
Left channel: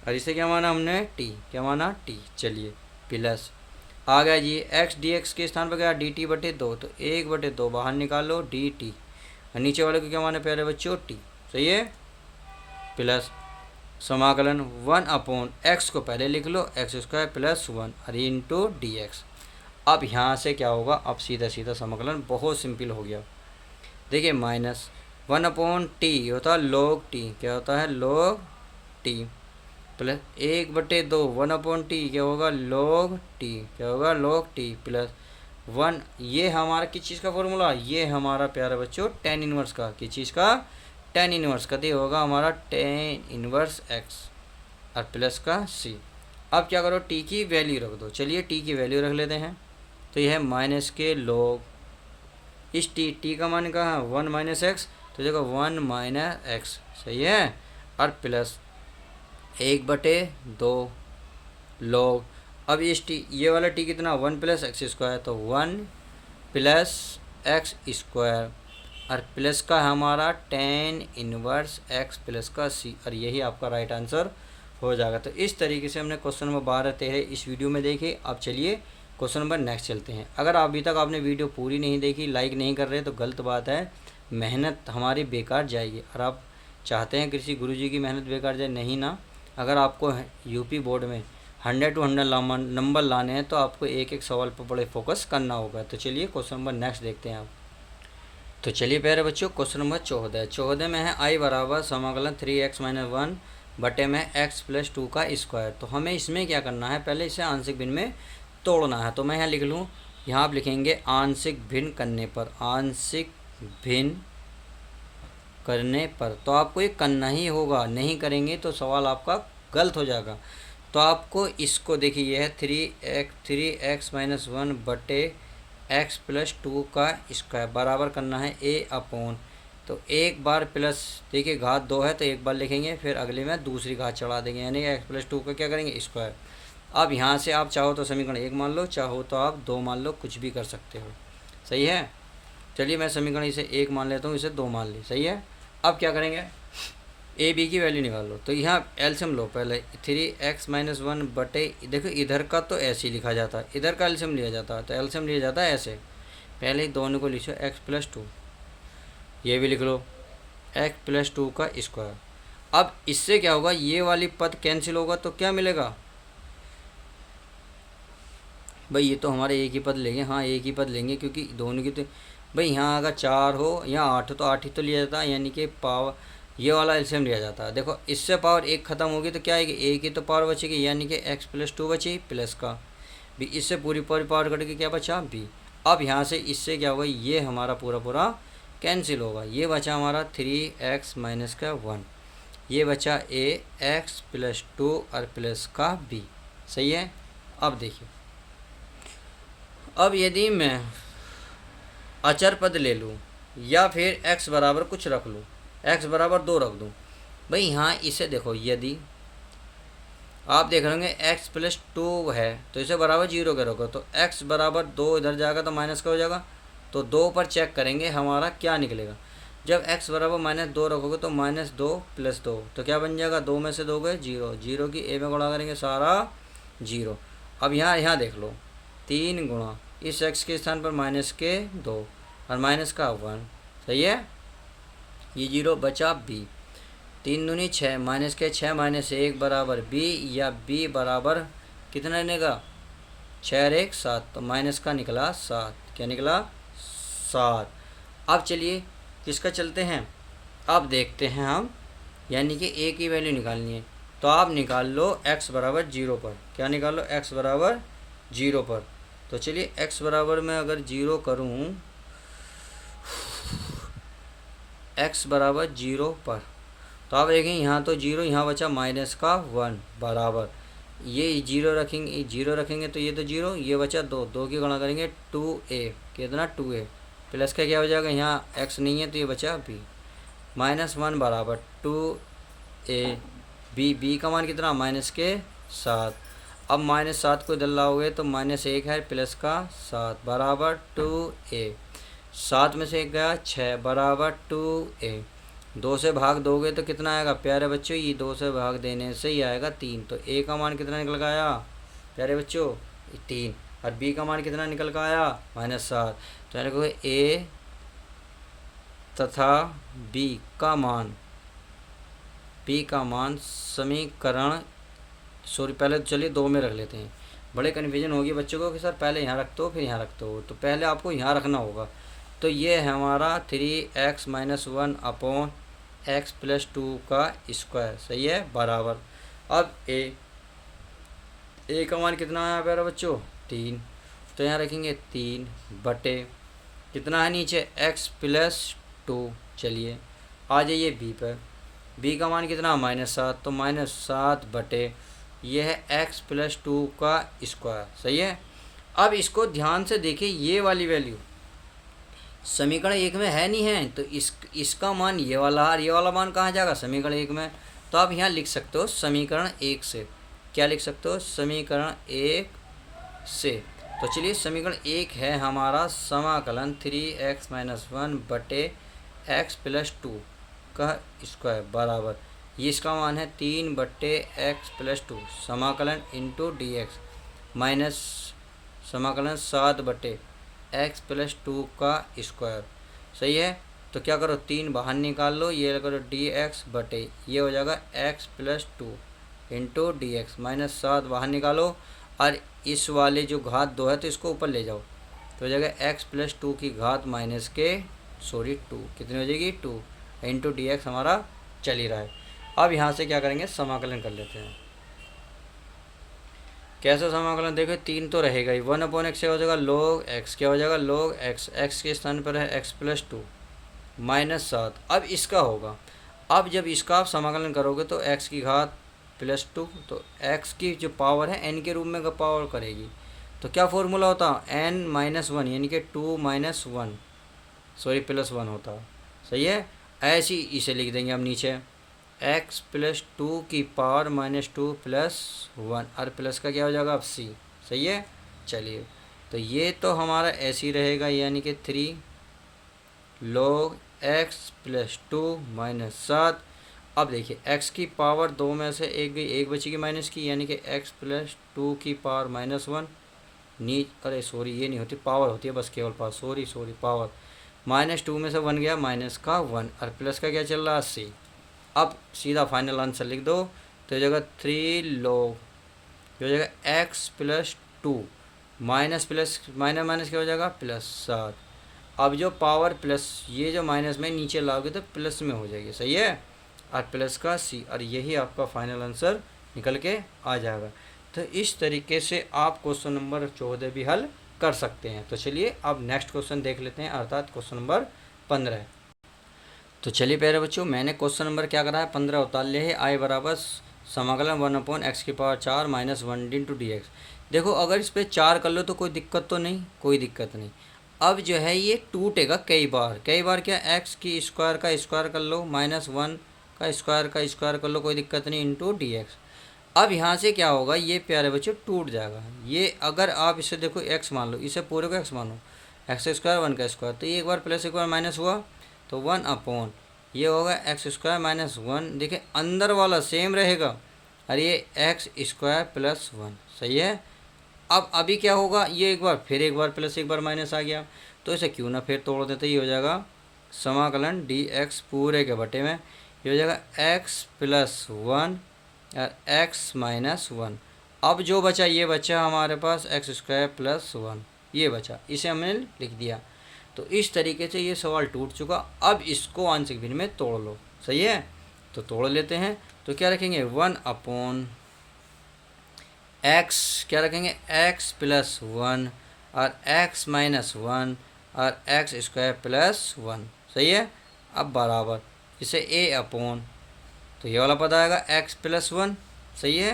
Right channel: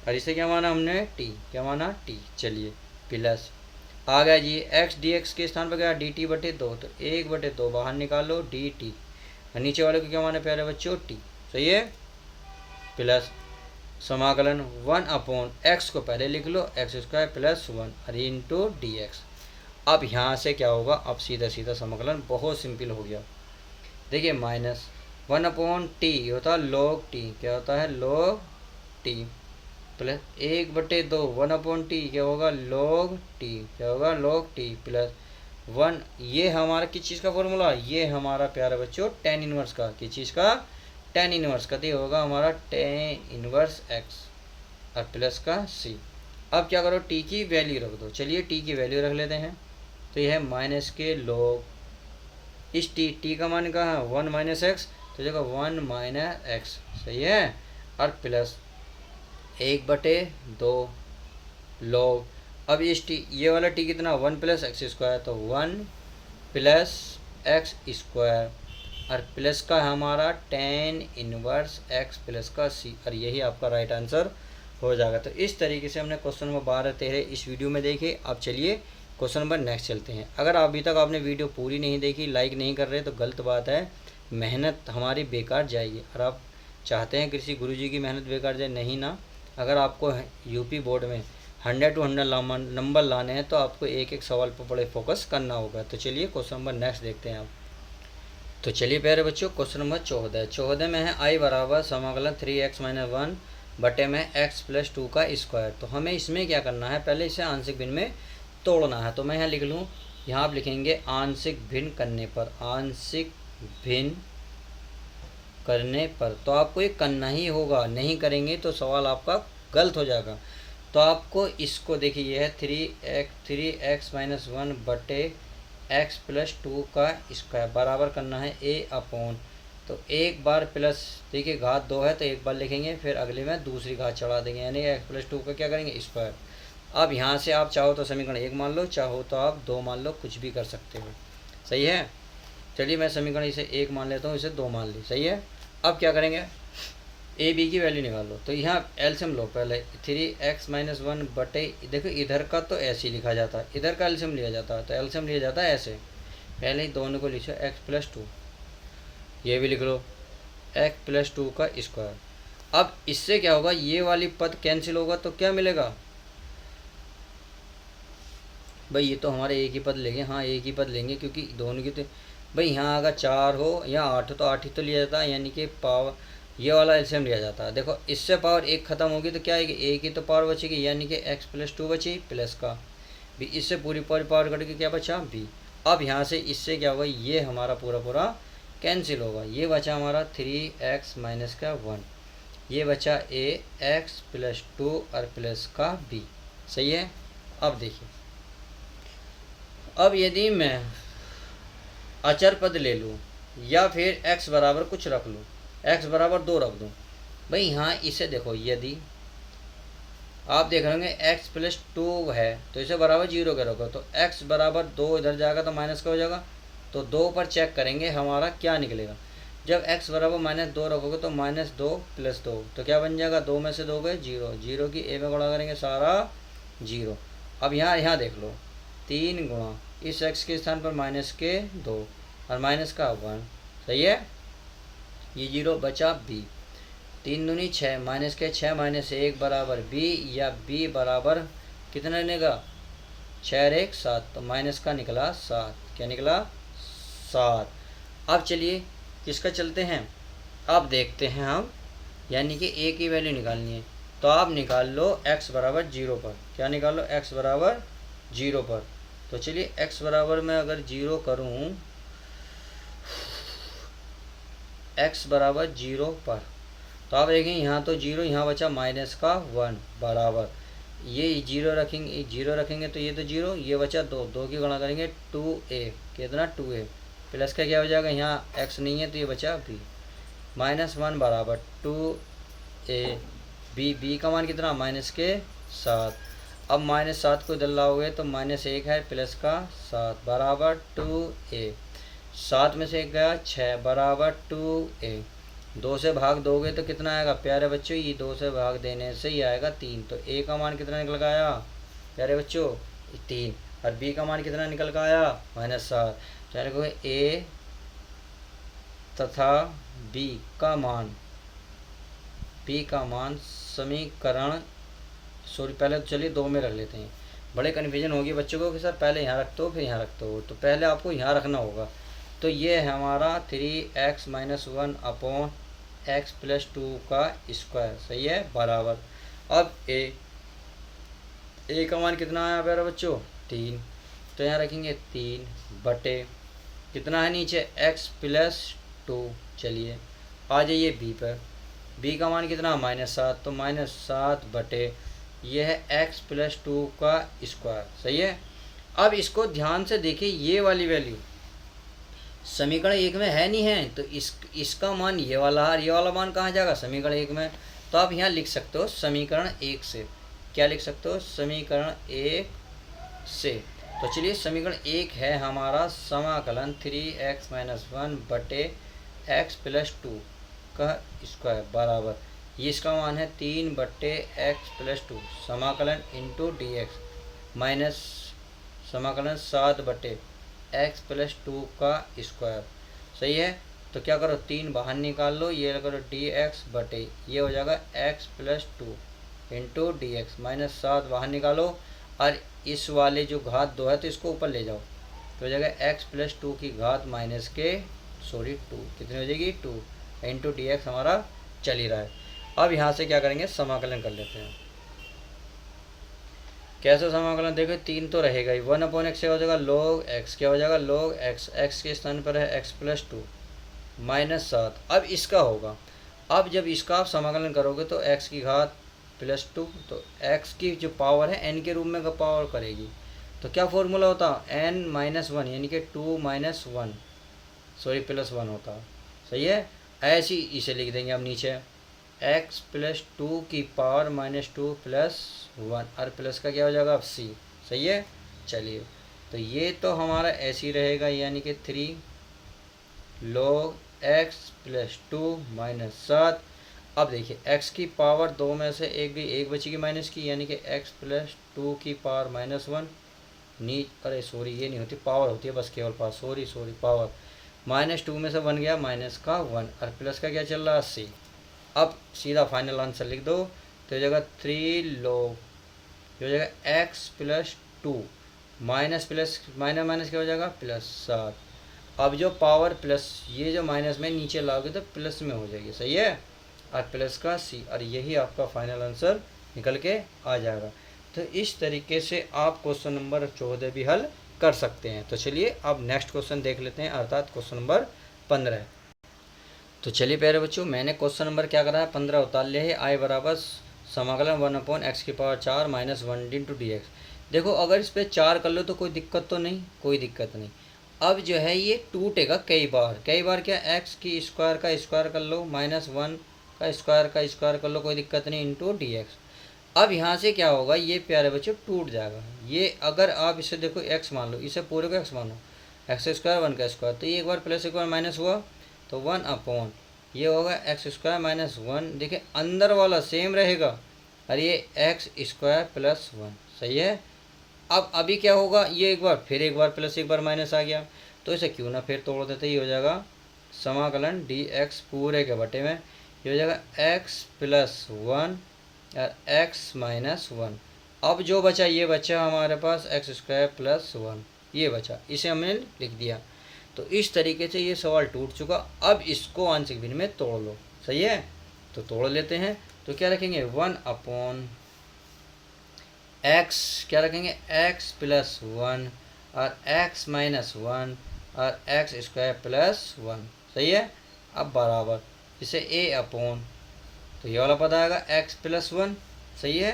और इसे क्या माना हमने? टी, क्या माना? टी। चलिए, प्लस आ गया जी, एक्स डी एक्स के स्थान पर क्या? डी टी बटे 2, तो 1 बटे 2 बाहर निकालो, डी टी, और नीचे वाले को क्या माना प्यारे बच्चों? टी, सही है, प्लस समाकलन 1 अपॉन एक्स को पहले लिख लो, एक्स स्क्वायर प्लस 1 और इंटू डी एक्स। अब यहाँ से क्या होगा? अब सीधा सीधा समाकलन बहुत सिंपल हो गया। देखिए, माइनस 1 अपॉन टी होता है लॉग टी, क्या होता है? लॉग टी, प्लस 1 बटे 2 1 अपॉन टी क्या होगा? लॉग टी, क्या होगा? लॉग टी, प्लस 1, ये हमारा किस चीज़ का फॉर्मूला? ये हमारा प्यारा बच्चों टेन इनवर्स का, किस चीज़ का? टेन इनवर्स का, तो होगा हमारा टेन इनवर्स एक्स और प्लस का सी। अब क्या करो, टी की वैल्यू रख दो। चलिए, टी की वैल्यू रख लेते हैं, तो यह है माइनस के लॉग, इस टी का मान कहाँ है? 1 माइनस एक्स, तो देखो 1 माइनस एक्स, सही है, और प्लस 1 बटे 2 लॉग, अब इस टी, ये वाला टी कितना? 1 प्लस एक्स स्क्वायर, तो 1 प्लस एक्स स्क्वायर और प्लस का हमारा टेन इनवर्स एक्स प्लस का सी, और यही आपका राइट आंसर हो जाएगा। तो इस तरीके से हमने क्वेश्चन नंबर 12-13 इस वीडियो में देखे। अब चलिए क्वेश्चन नंबर नेक्स्ट चलते हैं। अगर अभी तक आपने वीडियो पूरी नहीं देखी, लाइक नहीं कर रहे, तो गलत बात है, मेहनत हमारी बेकार जाएगी। और आप चाहते हैं किसी गुरुजी की मेहनत बेकार जाए? नहीं ना, अगर आपको यूपी बोर्ड में 100 to 100 नंबर लाने हैं तो आपको एक एक सवाल पर बड़े फोकस करना होगा। तो चलिए क्वेश्चन नंबर नेक्स्ट देखते हैं आप। तो चलिए प्यारे बच्चों, क्वेश्चन नंबर 14 में है आई बराबर समाकलन 3x-1 बटे में x + 2 का स्क्वायर। तो हमें इसमें क्या करना है, पहले इसे आंशिक भिन्न में तोड़ना है। तो मैं यहाँ लिख लूँ, यहाँ आप लिखेंगे आंशिक भिन्न करने पर, आंशिक भिन्न करने पर। तो आपको ये करना ही होगा, नहीं करेंगे तो सवाल आपका गलत हो जाएगा। तो आपको इसको देखिए, यह है 3x-1 बटे x + 2 का स्क्वायर बराबर करना है a अपॉन। तो एक बार प्लस, देखिए घात 2 है तो एक बार लिखेंगे, फिर अगले में दूसरी घात चढ़ा देंगे, यानी x + 2 का क्या करेंगे, स्क्वायर। अब यहाँ से आप चाहो तो समीकरण 1 मान लो, चाहो तो आप 2 मान लो, कुछ भी कर सकते हो। सही है। चलिए मैं समीकरण इसे 1 मान लेता हूँ, इसे 2 मान ली। सही है। अब क्या करेंगे, ए बी की वैल्यू निकाल लो। तो यहाँ एलसीएम लो पहले, 3x-1 बटे, देखो इधर का तो ऐसे ही लिखा जाता है, इधर का एलसीएम लिया जाता है। तो एलसीएम लिया जाता है ऐसे, पहले दोनों को लिखो x + 2, ये भी लिख लो x + 2 का स्क्वायर। अब इससे क्या होगा, ये वाली पद कैंसिल होगा तो क्या मिलेगा भाई, ये तो हमारे एक ही पद लेंगे। हाँ एक ही पद लेंगे, क्योंकि दोनों की तो भाई यहाँ अगर 4 हो या 8 हो तो 8 ही तो लिया जाता है, यानी कि पावर ये वाला एलसीएम लिया जाता है। देखो इससे पावर 1 खत्म होगी तो क्या आएगी, एक ही तो पावर बचेगी, यानी कि x + 2 बची प्लस का भी, इससे पूरी पावर कट के क्या बचा b। अब यहाँ से इससे क्या होगा, ये हमारा पूरा कैंसिल होगा, ये बचा हमारा 3x-1, ये बचा a x + 2 और प्लस का b। सही है। अब देखिए, अब यदि मैं अचर पद ले लूँ या फिर x बराबर कुछ रख लूँ, x बराबर 2 रख दूँ भाई, यहाँ इसे देखो, यदि आप देख रहे होंगे x + 2 है तो इसे बराबर 0 का रखो, तो x बराबर 2 इधर जाएगा तो माइनस का हो जाएगा। तो 2 पर चेक करेंगे हमारा क्या निकलेगा। जब x बराबर -2 रखोगे तो -2 + 2, तो क्या बन जाएगा, 2 में से 2 गए 0, 0 की a में गुणा करेंगे सारा 0। अब यहाँ देख लो, 3 गुणा इस x के स्थान पर -2 और माइनस का 1। सही है। ये 0 बचा b, 3 दूनी 6, माइनस के 6 -1 बराबर b, या b बराबर कितना लेने का, 6 और 1 7, तो माइनस का निकला 7। क्या निकला, 7। अब चलिए किसका चलते हैं, अब देखते हैं हम, यानी कि a की वैल्यू निकालनी है। तो आप निकाल लो x बराबर 0 पर। क्या निकाल लो, x बराबर 0 पर। तो चलिए x बराबर मैं अगर 0 करूँ, x बराबर 0 पर, तो आप देखें यहाँ तो 0, यहाँ बचा माइनस का 1 बराबर, ये 0 रखेंगे, 0 रखेंगे तो ये तो 0, ये बचा 2, 2 की गणना करेंगे 2a, कितना 2a प्लस का क्या हो जाएगा, यहाँ x नहीं है तो ये बचा b, -1 बराबर 2a b का मान कितना, -7। अब -7 को इधर लाओगे तो -1 है प्लस का 7 बराबर 2a, 7 में से 1 गया 6 बराबर 2a। 2 से भाग दोगे तो कितना आएगा प्यारे बच्चों, ये 2 से भाग देने से ही आएगा 3। तो a का मान कितना निकल गया प्यारे बच्चों, 3, और b का मान कितना निकल कर आया, -7। तो यानी कि a तथा b का मान समीकरण, सॉरी पहले तो चलिए 2 में रख लेते हैं, बड़े कन्फ्यूजन होगी बच्चों को कि सर पहले यहाँ रखते हो फिर यहाँ रखते हो, तो पहले आपको यहाँ रखना होगा। तो ये है हमारा 3x-1 अपॉन x + 2 का स्क्वायर। सही है, बराबर। अब a का मान कितना आया प्यारे बच्चों, 3, तो यहाँ रखेंगे 3 बटे कितना है नीचे, x + 2। चलिए आ जाइए b पर, b का मान कितना -7, तो -7 बटे यह है x + 2 का स्क्वायर। सही है। अब इसको ध्यान से देखिए, ये वाली वैल्यू समीकरण 1 में है नहीं है, तो इसका मान ये वाला, और ये वाला मान कहाँ जाएगा, समीकरण 1 में। तो आप यहाँ लिख सकते हो समीकरण 1 से, क्या लिख सकते हो, समीकरण 1 से। तो चलिए समीकरण 1 है हमारा समाकलन 3x-1 बटे x + 2 का स्क्वायर बराबर, ये इसका मान है 3 बटे x + 2 समाकलन इंटू dx माइनस समाकलन 7 बटे x + 2 का स्क्वायर। सही है। तो क्या करो, 3 बाहर निकाल लो, ये करो dx बटे, ये हो जाएगा x + 2 into D x minus 7 बाहर निकालो, और इस वाले जो घात 2 है तो इसको ऊपर ले जाओ, तो हो जाएगा एक्स प्लस 2 की घात माइनस के सॉरी 2 कितनी हो जाएगी 2 इंटू डी एक्स हमारा चल ही रहा है। अब यहाँ से क्या करेंगे, समाकलन कर लेते हैं। कैसे समाकलन, देखो 3 तो रहेगा ही, 1/x क्या हो जाएगा log x, क्या हो जाएगा log x, x के स्थान पर है x प्लस 2 माइनस 7। अब इसका होगा, अब जब इसका आप समाकलन करोगे तो x की घात प्लस 2, तो x की जो पावर है n के रूप में का पावर करेगी, तो क्या फॉर्मूला होता है n माइनस 1 यानी कि 2 माइनस 1 सॉरी प्लस 1 होता है। सही है, ऐसे ही इसे लिख देंगे हम नीचे x प्लस 2 की पावर माइनस 2 प्लस 1 और प्लस का क्या हो जाएगा अब c। सही है, चलिए तो ये तो हमारा ऐसे ही रहेगा, यानी कि 3 log x प्लस 2 माइनस 7। अब देखिए x की पावर 2 में से एक गई, एक बचेगी माइनस की, यानी कि x प्लस 2 की पावर माइनस 1 अरे सॉरी ये नहीं होती, पावर होती है बस केवल पावर, सॉरी पावर माइनस 2 में से 1 गया माइनस का 1 और प्लस का क्या चल रहा है c। अब सीधा फाइनल आंसर लिख दो, तो हो जाएगा 3 log, हो जाएगा x plus 2 minus plus minus minus क्या हो जाएगा प्लस 7। अब जो पावर प्लस ये जो माइनस में नीचे लाओगे तो प्लस में हो जाएगी। सही है, और प्लस का c, और यही आपका फाइनल आंसर निकल के आ जाएगा। तो इस तरीके से आप क्वेश्चन नंबर 14 भी हल कर सकते हैं। तो चलिए अब नेक्स्ट क्वेश्चन देख लेते हैं, अर्थात क्वेश्चन नंबर 15। तो चलिए प्यारे बच्चों, मैंने क्वेश्चन नंबर क्या करा है 15 उतार लिया है। आई बराबर समाकलन 1/x की power 4 minus 1 into D x. देखो अगर इस पर 4 कर लो तो कोई दिक्कत तो नहीं, कोई दिक्कत नहीं। अब जो है ये टूटेगा कई बार, क्या x की स्क्वायर का स्क्वायर कर लो, माइनस 1 का स्क्वायर कर लो, कोई दिक्कत नहीं, इंटू डी एक्स। अब यहाँ से क्या होगा, ये प्यारे बच्चों टूट जाएगा। ये अगर आप इसे देखो x मान लो, इसे पूरे को x मानो, एक्स स्क्वायर 1 का स्क्वायर, तो ये एक बार प्लस एक बार माइनस हुआ तो 1 अपॉन ये होगा एक्स स्क्वायर माइनस 1। देखिए अंदर वाला सेम रहेगा, और ये एक्स स्क्वायर प्लस 1। सही है, अब अभी क्या होगा, ये एक बार फिर एक बार प्लस एक बार माइनस आ गया, तो इसे क्यों ना फिर तोड़ देते, ये हो जाएगा समाकलन डी एक्स पूरे के बटे में, ये हो जाएगा एक्स प्लस 1 और एक्स माइनस 1। अब जो बचा ये बचा हमारे पास एक्स स्क्वायर प्लस 1, ये बचा, इसे हमने लिख दिया। तो इस तरीके से ये सवाल टूट चुका। अब इसको आंशिक भिन्न में तोड़ लो। सही है, तो तोड़ लेते हैं। तो क्या रखेंगे 1 अपॉन एक्स, क्या रखेंगे एक्स प्लस 1 और एक्स माइनस 1 और एक्स स्क्वायर प्लस 1। सही है, अब बराबर इसे ए अपॉन, तो ये वाला पद आएगा एक्स प्लस 1। सही है,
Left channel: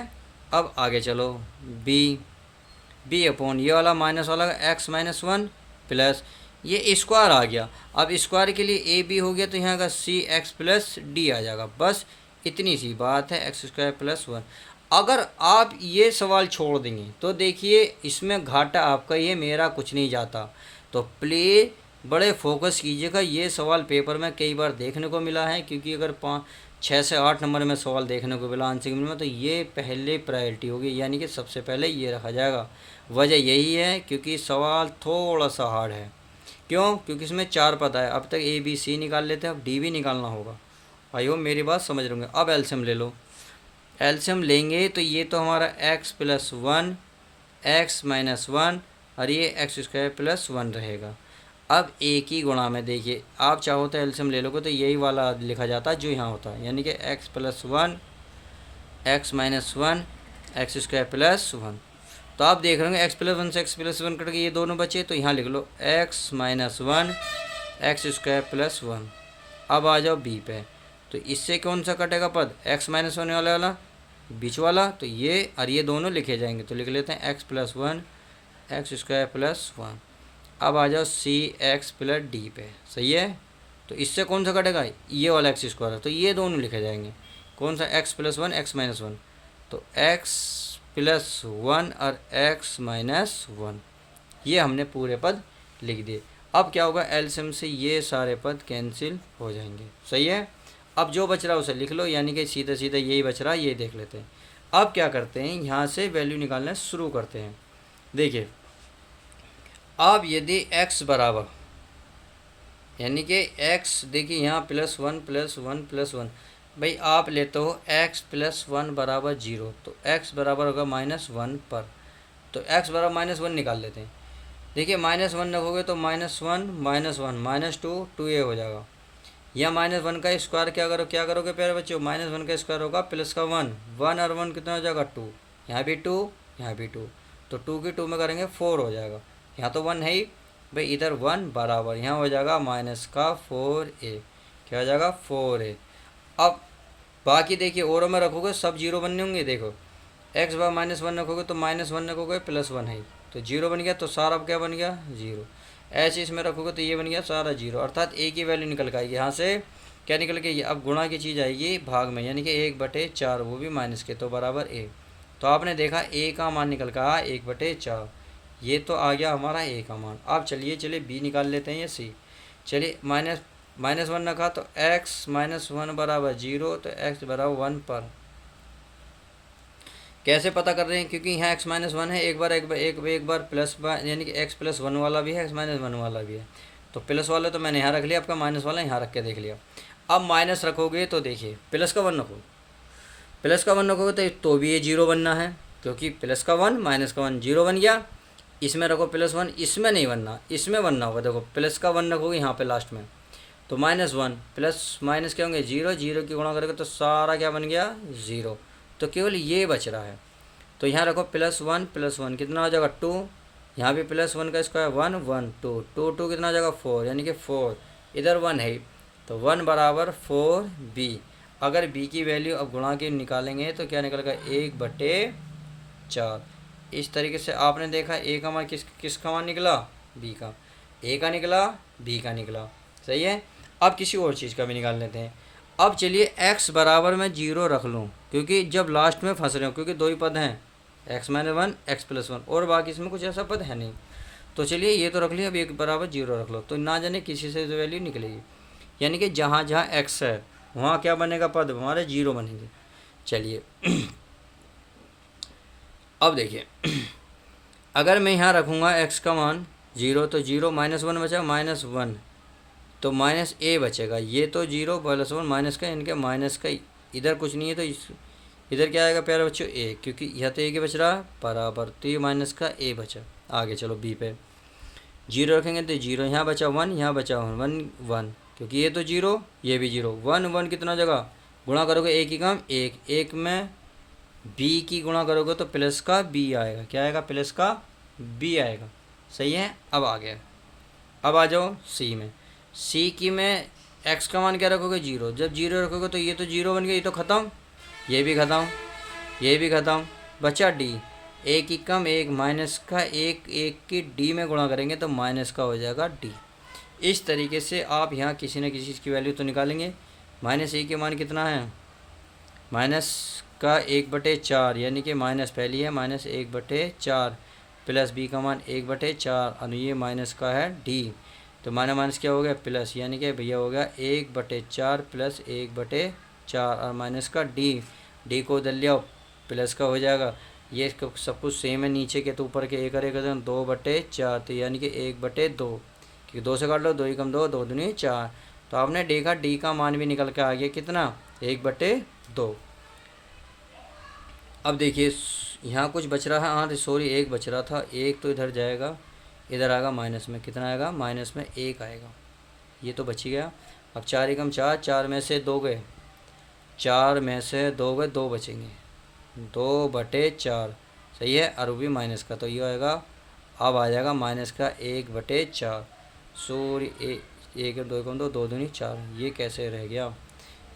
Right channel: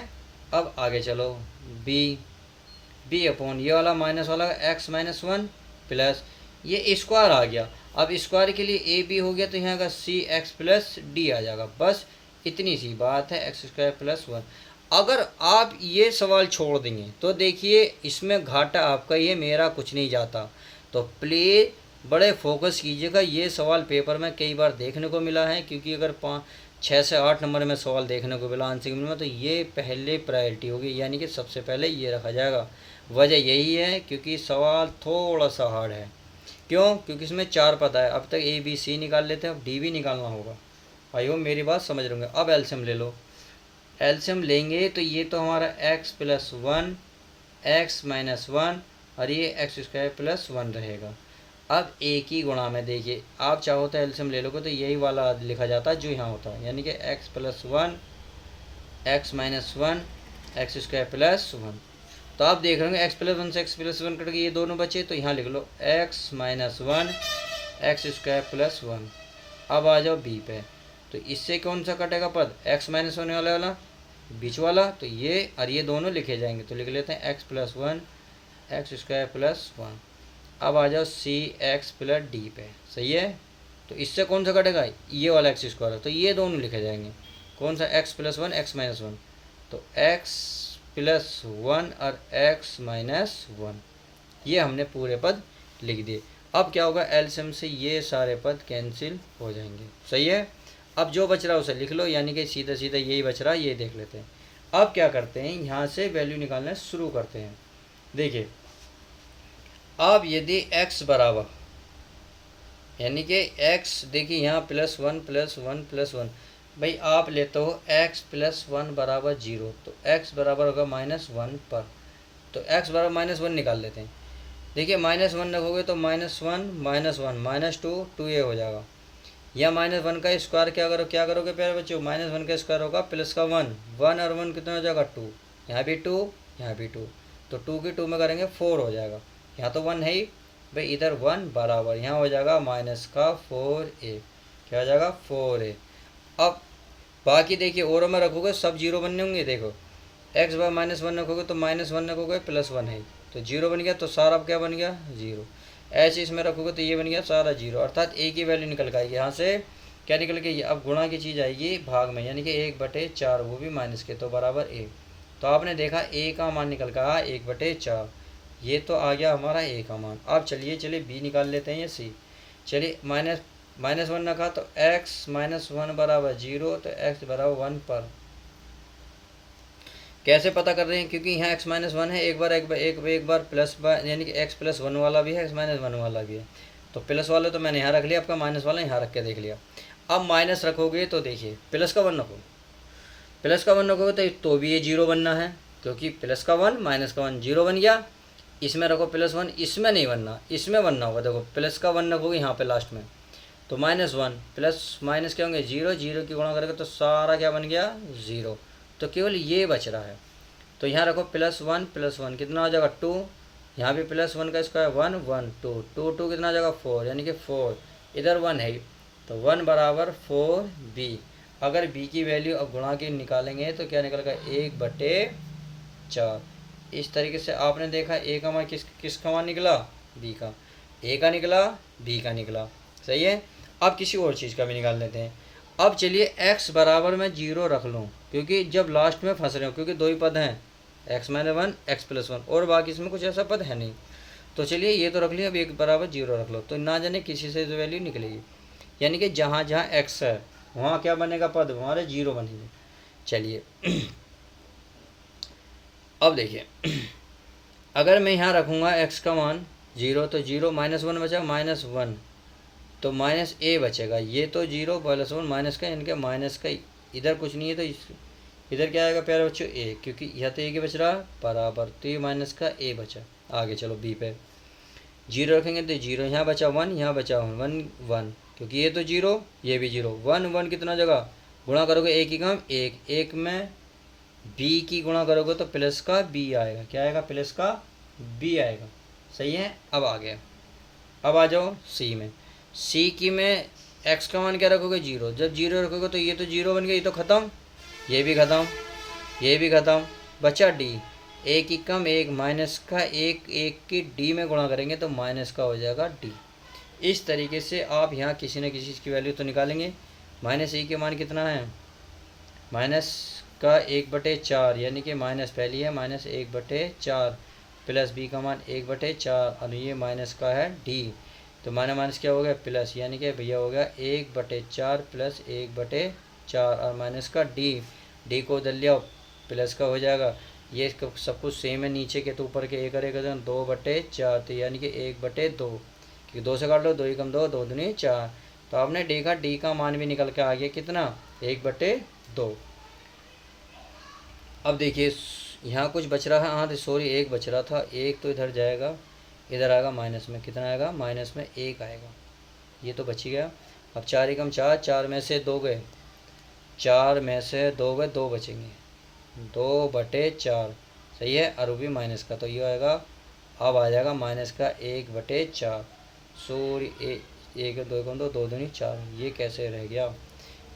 अब आगे चलो बी अपॉन ये वाला माइनस वाला एक्स माइनस 1 प्लस ये स्क्वायर आ गया। अब स्क्वायर के लिए ए बी हो गया, तो यहाँ का सी एक्स प्लस डी आ जाएगा। बस इतनी सी बात है, एक्स स्क्वायर प्लस 1। अगर आप ये सवाल छोड़ देंगे तो देखिए इसमें घाटा आपका ही है, मेरा कुछ नहीं जाता। तो प्लीज़ बड़े फोकस कीजिएगा, ये सवाल पेपर में कई बार देखने को मिला है, क्योंकि अगर 6 से 8 नंबर में सवाल देखने को मिला आंसर में, तो ये पहले प्रायोरिटी होगी, यानी कि सबसे पहले ये रखा जाएगा। वजह यही है क्योंकि सवाल थोड़ा सा हार्ड है। क्यों? क्योंकि इसमें 4 पद है। अब तक ए बी सी निकाल लेते हैं, अब डी भी निकालना होगा। आई होप मेरी बात समझ रहे होंगे। अब एलसीएम ले लो, एलसीएम लेंगे तो ये तो हमारा एक्स प्लस 1 एक्स माइनस 1 और ये एक्स स्क्वायर प्लस 1 रहेगा। अब एक ही गुणा में देखिए, आप चाहो तो एलसीएम ले लोगे तो यही वाला लिखा जाता है जो यहाँ होता है, यानी कि x plus 1 x minus 1 x square plus 1। तो आप देख रहे होंगे एक्स प्लस 1 से एक्स प्लस 1 कट के ये दोनों बचे, तो यहाँ लिख लो x minus 1 x square plus 1। अब आ जाओ बी पे, तो इससे कौन सा कटेगा पद, एक्स माइनस 1 वाला बीच वाला, तो ये और ये दोनों लिखे जाएंगे। तो लिख लेते हैं x plus 1 x square plus 1। अब आ जाओ सी एक्स प्लस डी पे। सही है, तो इससे कौन सा कटेगा, ये वाला एक्स स्क्वायर है, तो ये दोनों लिखे जाएंगे। कौन सा, एक्स प्लस 1 एक्स माइनस 1, तो एक्स प्लस 1 और एक्स माइनस 1, ये हमने पूरे पद लिख दिए। अब क्या होगा, एलसीएम से ये सारे पद कैंसिल हो जाएंगे। सही है, अब जो बच रहा है उसे लिख लो, यानी कि सीधा सीधा यही बच रहा है, ये देख लेते हैं। अब क्या करते हैं, यहाँ से वैल्यू निकालना शुरू करते हैं। देखिए अब यदि x बराबर, यानी कि x देखिए यहाँ +1 +1 +1, भाई आप लेते हो x प्लस वन बराबर जीरो, तो x बराबर होगा -1 पर। तो x बराबर -1 निकाल लेते हैं। देखिए -1 रखोगे तो -1 -1 -2 2a हो जाएगा। या -1 का स्क्वायर क्या करोगे प्यारे बच्चों, -1 का स्क्वायर होगा प्लस का 1, 1 और 1 कितना हो जाएगा 2, यहाँ भी 2, यहाँ भी 2, तो 2 की 2 में करेंगे 4 हो जाएगा। यहाँ तो 1 है ही भाई, इधर 1 बराबर यहाँ हो जाएगा माइनस का 4a, क्या हो जाएगा 4a। अब बाकी देखिए औरों में रखोगे सब जीरो बनने होंगे। देखो एक्स बार -1 रखोगे तो -1 रखोगे +1 है, तो जीरो बन गया, तो सारा अब क्या बन गया जीरो। ऐसे इसमें रखोगे तो ये बन गया सारा जीरो, अर्थात ए की वैल्यू निकल के आएगी। यहाँ से क्या निकल के, अब गुणा की चीज़ आएगी भाग में, यानी कि 1/4, वो भी माइनस के, तो बराबर ए। तो आपने देखा ए का मान निकल कर आया 1/4, ये तो आ गया हमारा ए का मान। अब चलिए बी निकाल लेते हैं या सी। चलिए -1 रखा तो x -1 बराबर जीरो, तो x बराबर 1 पर। कैसे पता कर रहे हैं, क्योंकि यहाँ x -1 है, एक बार प्लस यानी कि x +1 वाला भी है, x -1 वाला भी है। तो प्लस वाले तो मैंने यहाँ रख लिया, आपका माइनस वाला यहाँ रख के देख लिया। अब माइनस रखोगे तो देखिए प्लस का 1 रखो, प्लस का 1 रखोगे तो भी ये जीरो बनना है, क्योंकि प्लस का 1 माइनस का 1 जीरो बन गया। इसमें रखो +1, इसमें नहीं बनना, इसमें बनना होगा। देखो प्लस का 1 रखोगे यहाँ पे लास्ट में, तो -1 प्लस माइनस क्या होंगे जीरो, जीरो की गुणा करेंगे तो सारा क्या बन गया ज़ीरो। तो केवल ये बच रहा है, तो यहाँ रखो +1 कितना हो जाएगा 2, यहाँ भी +1 का स्क्वायर 1 1 2 2 2 कितना हो जाएगा 4, यानी कि 4, इधर 1 है, तो 1 बराबर 4b। अगर b की वैल्यू अब गुणा की निकालेंगे तो क्या निकलेगा 1/4। इस तरीके से आपने देखा ए का मान किसका मान निकला, बी का, ए का निकला, बी का निकला, सही है। अब किसी और चीज़ का भी निकाल लेते हैं। अब चलिए x बराबर मैं जीरो रख लूँ, क्योंकि जब लास्ट में फंस रहे हो, क्योंकि दो ही पद हैं, x -1 x +1, और बाकी इसमें कुछ ऐसा पद है नहीं। तो चलिए ये तो रख लिया, अब एक बराबर जीरो रख लो, तो ना जाने किसी से तो वैल्यू निकलेगी, यानी कि जहाँ जहाँ x है वहाँ क्या बनेगा पद, हमारे जीरो बनेंगे। चलिए अब देखिए अगर मैं यहाँ रखूँगा x का मान जीरो, तो जीरो -1 बचा -1, तो -a बचेगा। ये तो जीरो +1 माइनस का, इनके माइनस का इधर कुछ नहीं है, तो इधर क्या आएगा प्यारे बच्चों a, क्योंकि यह तो a के बच रहा बराबर, तो ये माइनस का a बचा। आगे चलो b पे जीरो रखेंगे तो जीरो, यहाँ बचा 1, यहाँ बचा 1 1, क्योंकि ये तो जीरो ये भी जीरो, 1 1 कितना जगह गुणा करोगे एक ही काम, एक में b की गुणा करोगे तो प्लस का b आएगा, क्या आएगा प्लस का b आएगा, सही है। अब आ गया, अब आ जाओ c में। c की में x का मान क्या रखोगे जीरो, जब जीरो रखोगे तो ये तो जीरो बन गया, ये तो ख़त्म, ये भी ख़त्म, ये भी ख़त्म, बचा d, एक ही कम एक माइनस का एक, एक की d में गुणा करेंगे तो माइनस का हो जाएगा d। इस तरीके से आप यहाँ किसी न किसी चीज़ की वैल्यू तो निकालेंगे। -a के मान कितना है, माइनस का 1/4, यानी कि माइनस पहली है -1/4, प्लस b का मान 1/4, और ये माइनस का है d, तो माइनस क्या हो गया प्लस, यानी कि भैया हो गया 1/4 प्लस 1/4, और माइनस का d को उधर लिया प्लस का हो जाएगा। ये सब कुछ सेम है, नीचे के तो ऊपर के 1 करेगा तो 2/4, तो यानी कि 1/2, क्योंकि 2 से काट लो, 2 ही कम 2, 2 दूनी 4, तो आपने देखा d का मान भी निकल के आ गया कितना 1/2। अब देखिए यहाँ कुछ बच रहा है, हाँ सॉरी एक बच रहा था, एक तो इधर जाएगा, इधर आएगा माइनस में, कितना आएगा माइनस में 1 आएगा, ये तो बच ही गया। अब 4 एकम 4, 4 में से 2 गए, 4 में से 2 गए, 2 बचेंगे, 2/4, सही है, और वो भी माइनस का, तो ये आएगा, अब आ जाएगा माइनस का 1/4, सॉरी 1 2 कम 2, 2 दूनी 4, ये कैसे रह गया,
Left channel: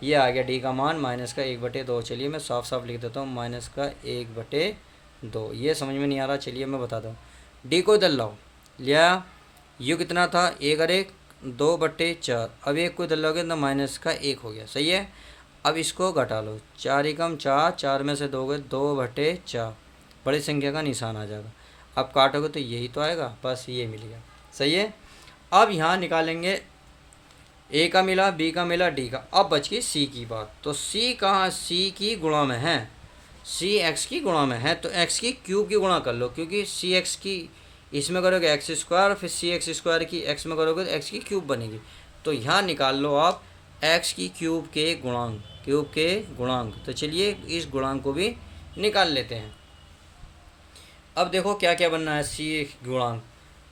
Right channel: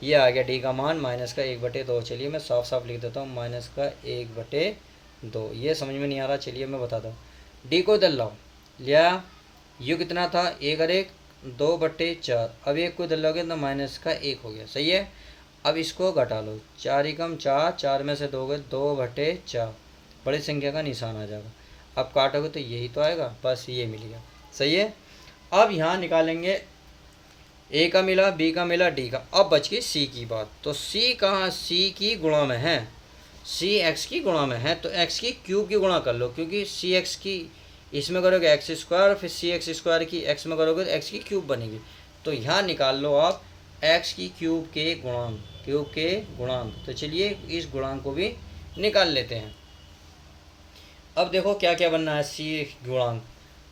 ये आ गया डी का मान -1/2। चलिए मैं साफ साफ लिख देता हूँ, -1/2। ये समझ में नहीं आ रहा, चलिए मैं बताता हूँ। डी को इधर लाओ, लिया, यू कितना था 1 और 1 2/4, अब 1 को इधर लाओगे तो माइनस का 1 हो गया, सही है। अब इसको घटा लो, 4 एकम 4, 4 में से 2 गए, 2/4, बड़ी संख्या का निशान आ जाएगा। अब काटोगे तो यही तो आएगा, बस ये मिल गया, सही है। अब यहाँ निकालेंगे, ए का मिला, बी का मिला, डी का, अब बच गई सी की बात। तो सी कहाँ, सी की गुणा में है, सी एक्स की गुणा में है, तो एक्स की क्यूब की गुणा कर लो, क्योंकि सी एक्स की इसमें करोगे x², फिर cx² की एक्स में करोगे तो एक्स की क्यूब बनेगी। तो यहाँ निकाल लो आप एक्स की क्यूब के गुणांक, क्यू के गुणांक। तो चलिए इस गुणांक को भी निकाल लेते हैं। अब देखो क्या क्या बनना है सी गुणांक।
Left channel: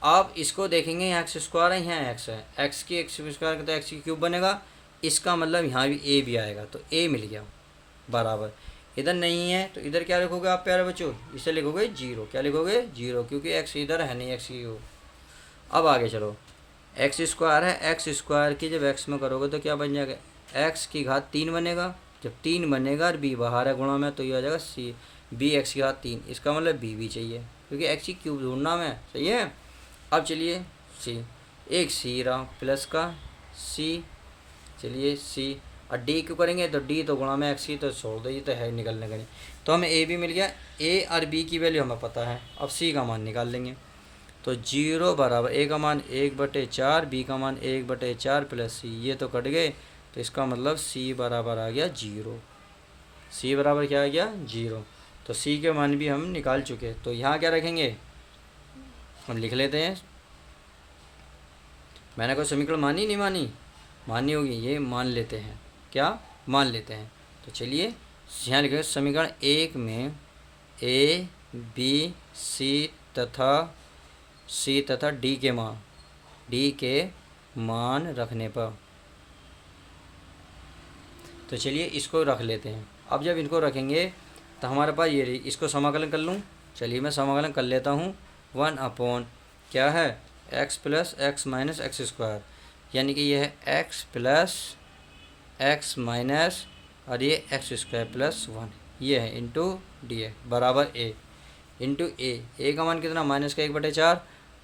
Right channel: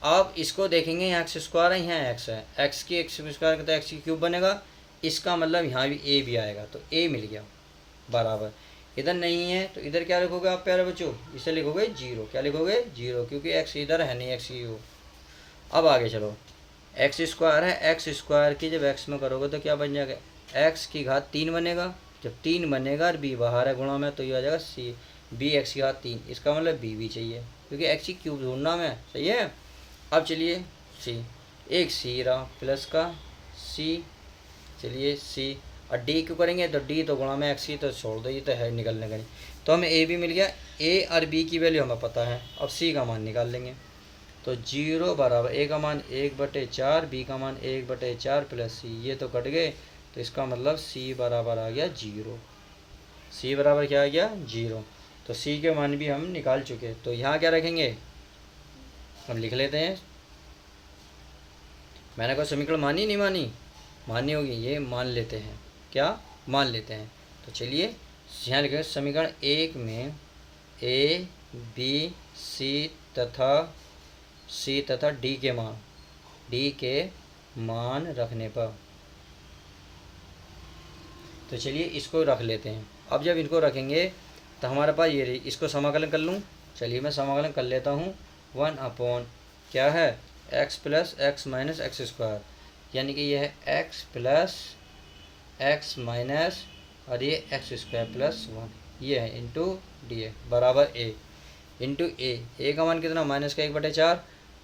आप इसको देखेंगे, यहाँ एक्स स्क्वायर है, यहाँ एक्स है, एक्स की एक्स स्क्वायर करता है एक्स की क्यूब बनेगा, इसका मतलब यहाँ भी ए भी आएगा, तो ए मिल गया बराबर। इधर नहीं है तो इधर क्या लिखोगे आप प्यारे बच्चों, इसे लिखोगे जीरो। क्या लिखोगे? जीरो, क्योंकि एक्स इधर है नहीं, एक्स की क्यूब। अब आगे चलो, एक्स स्क्वायर है, एक्स स्क्वायर की जब एक्स में करोगे तो क्या बन जाएगा? एक्स की घात 3 बनेगा। जब 3 बनेगा और बी बाहर है गुणा में, तो ये आ जाएगा सी बी एक्स की घात 3। इसका मतलब बी भी चाहिए, क्योंकि एक्स की क्यूब ढूंढना में। सही है। अब चलिए सी, एक सी रहा प्लस का सी, चलिए सी, और डी क्यों करेंगे? तो डी तो गुणा में एक्स की, तो छोड़ दो, ये तो है निकलने का नहीं। तो हमें ए भी मिल गया, ए और बी की वैल्यू हमें पता है। अब सी का मान निकाल लेंगे। तो जीरो बराबर ए का मान 1/4, बी का मान 1/4 प्लस सी, ये तो कट गए, तो इसका मतलब सी बराबर आ गया जीरो। सी बराबर क्या आ गया? जीरो। तो सी के मान भी हम निकाल चुके। तो यहाँ क्या रखेंगे? हम लिख लेते हैं। मैंने कोई समीकरण मानी नहीं मानी? माननी होगी, ये मान लेते हैं। क्या मान लेते हैं? तो चलिए यहाँ लिखेंगे समीकरण 1 में ए बी सी तथा डी के मान रखने पर, तो चलिए इसको रख लेते हैं। अब जब इनको रखेंगे तो हमारे पास ये रही, इसको समाकलन कर लूँ। चलिए मैं समाकलन कर लेता हूँ। 1 क्या है? X plus x minus x square, यानी कि ये है एक्स प्लस एक्स माइनस और ये एक्स स्क्वायर प्लस 1, ये है इंटू डी ए बराबर ए इंटू ए का मान कितना? -1/4,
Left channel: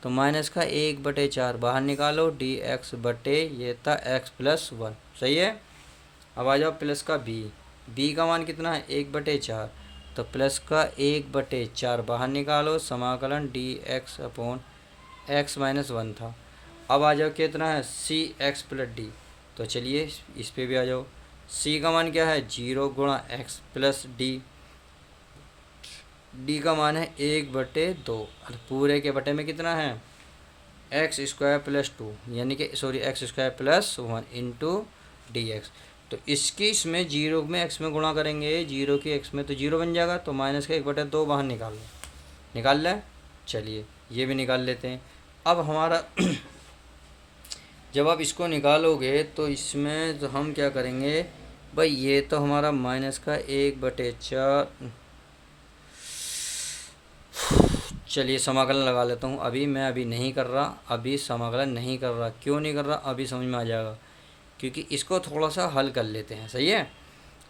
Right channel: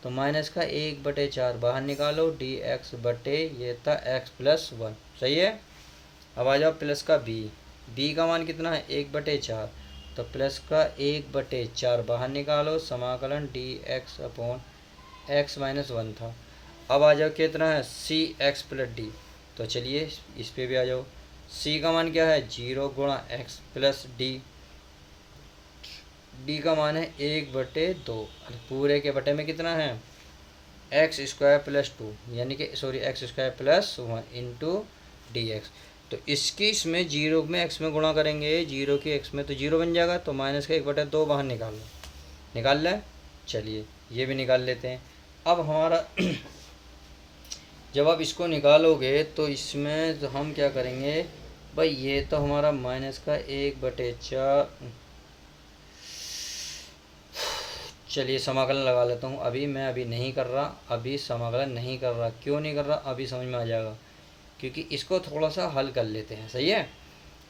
तो -1/4 बाहर निकालो, डी एक्स बटे ये था एक्स प्लस 1। सही है। अब आ जाओ प्लस का बी का मान कितना है? 1/4, तो प्लस का 1/4 बाहर निकालो, समाकलन D x upon x minus 1 था। अब आ जाओ कितना है? सी एक्स प्लस डी, तो चलिए इस पे भी आ जाओ। सी का मान क्या है? 0 गुणा एक्स प्लस डी का मान है 1/2, और पूरे के बटे में कितना है? एक्स स्क्वायर प्लस 2, यानी कि sorry x square plus 1 into D x. तो इसकी इसमें जीरो में एक्स में गुणा करेंगे, जीरो की एक्स में, तो जीरो बन जाएगा, तो माइनस का 1/2 बाहर निकाल लो। निकाल लें। चलिए ये भी निकाल लेते हैं। अब हमारा जब आप इसको निकालोगे तो इसमें तो हम क्या करेंगे भाई, ये तो हमारा माइनस का 1/4, चलिए समाकलन लगा लेता हूँ। अभी नहीं कर रहा, अभी समाकलन नहीं कर रहा। क्यों नहीं कर रहा? अभी समझ में आ जाएगा, क्योंकि इसको थोड़ा सा हल कर लेते हैं। सही है।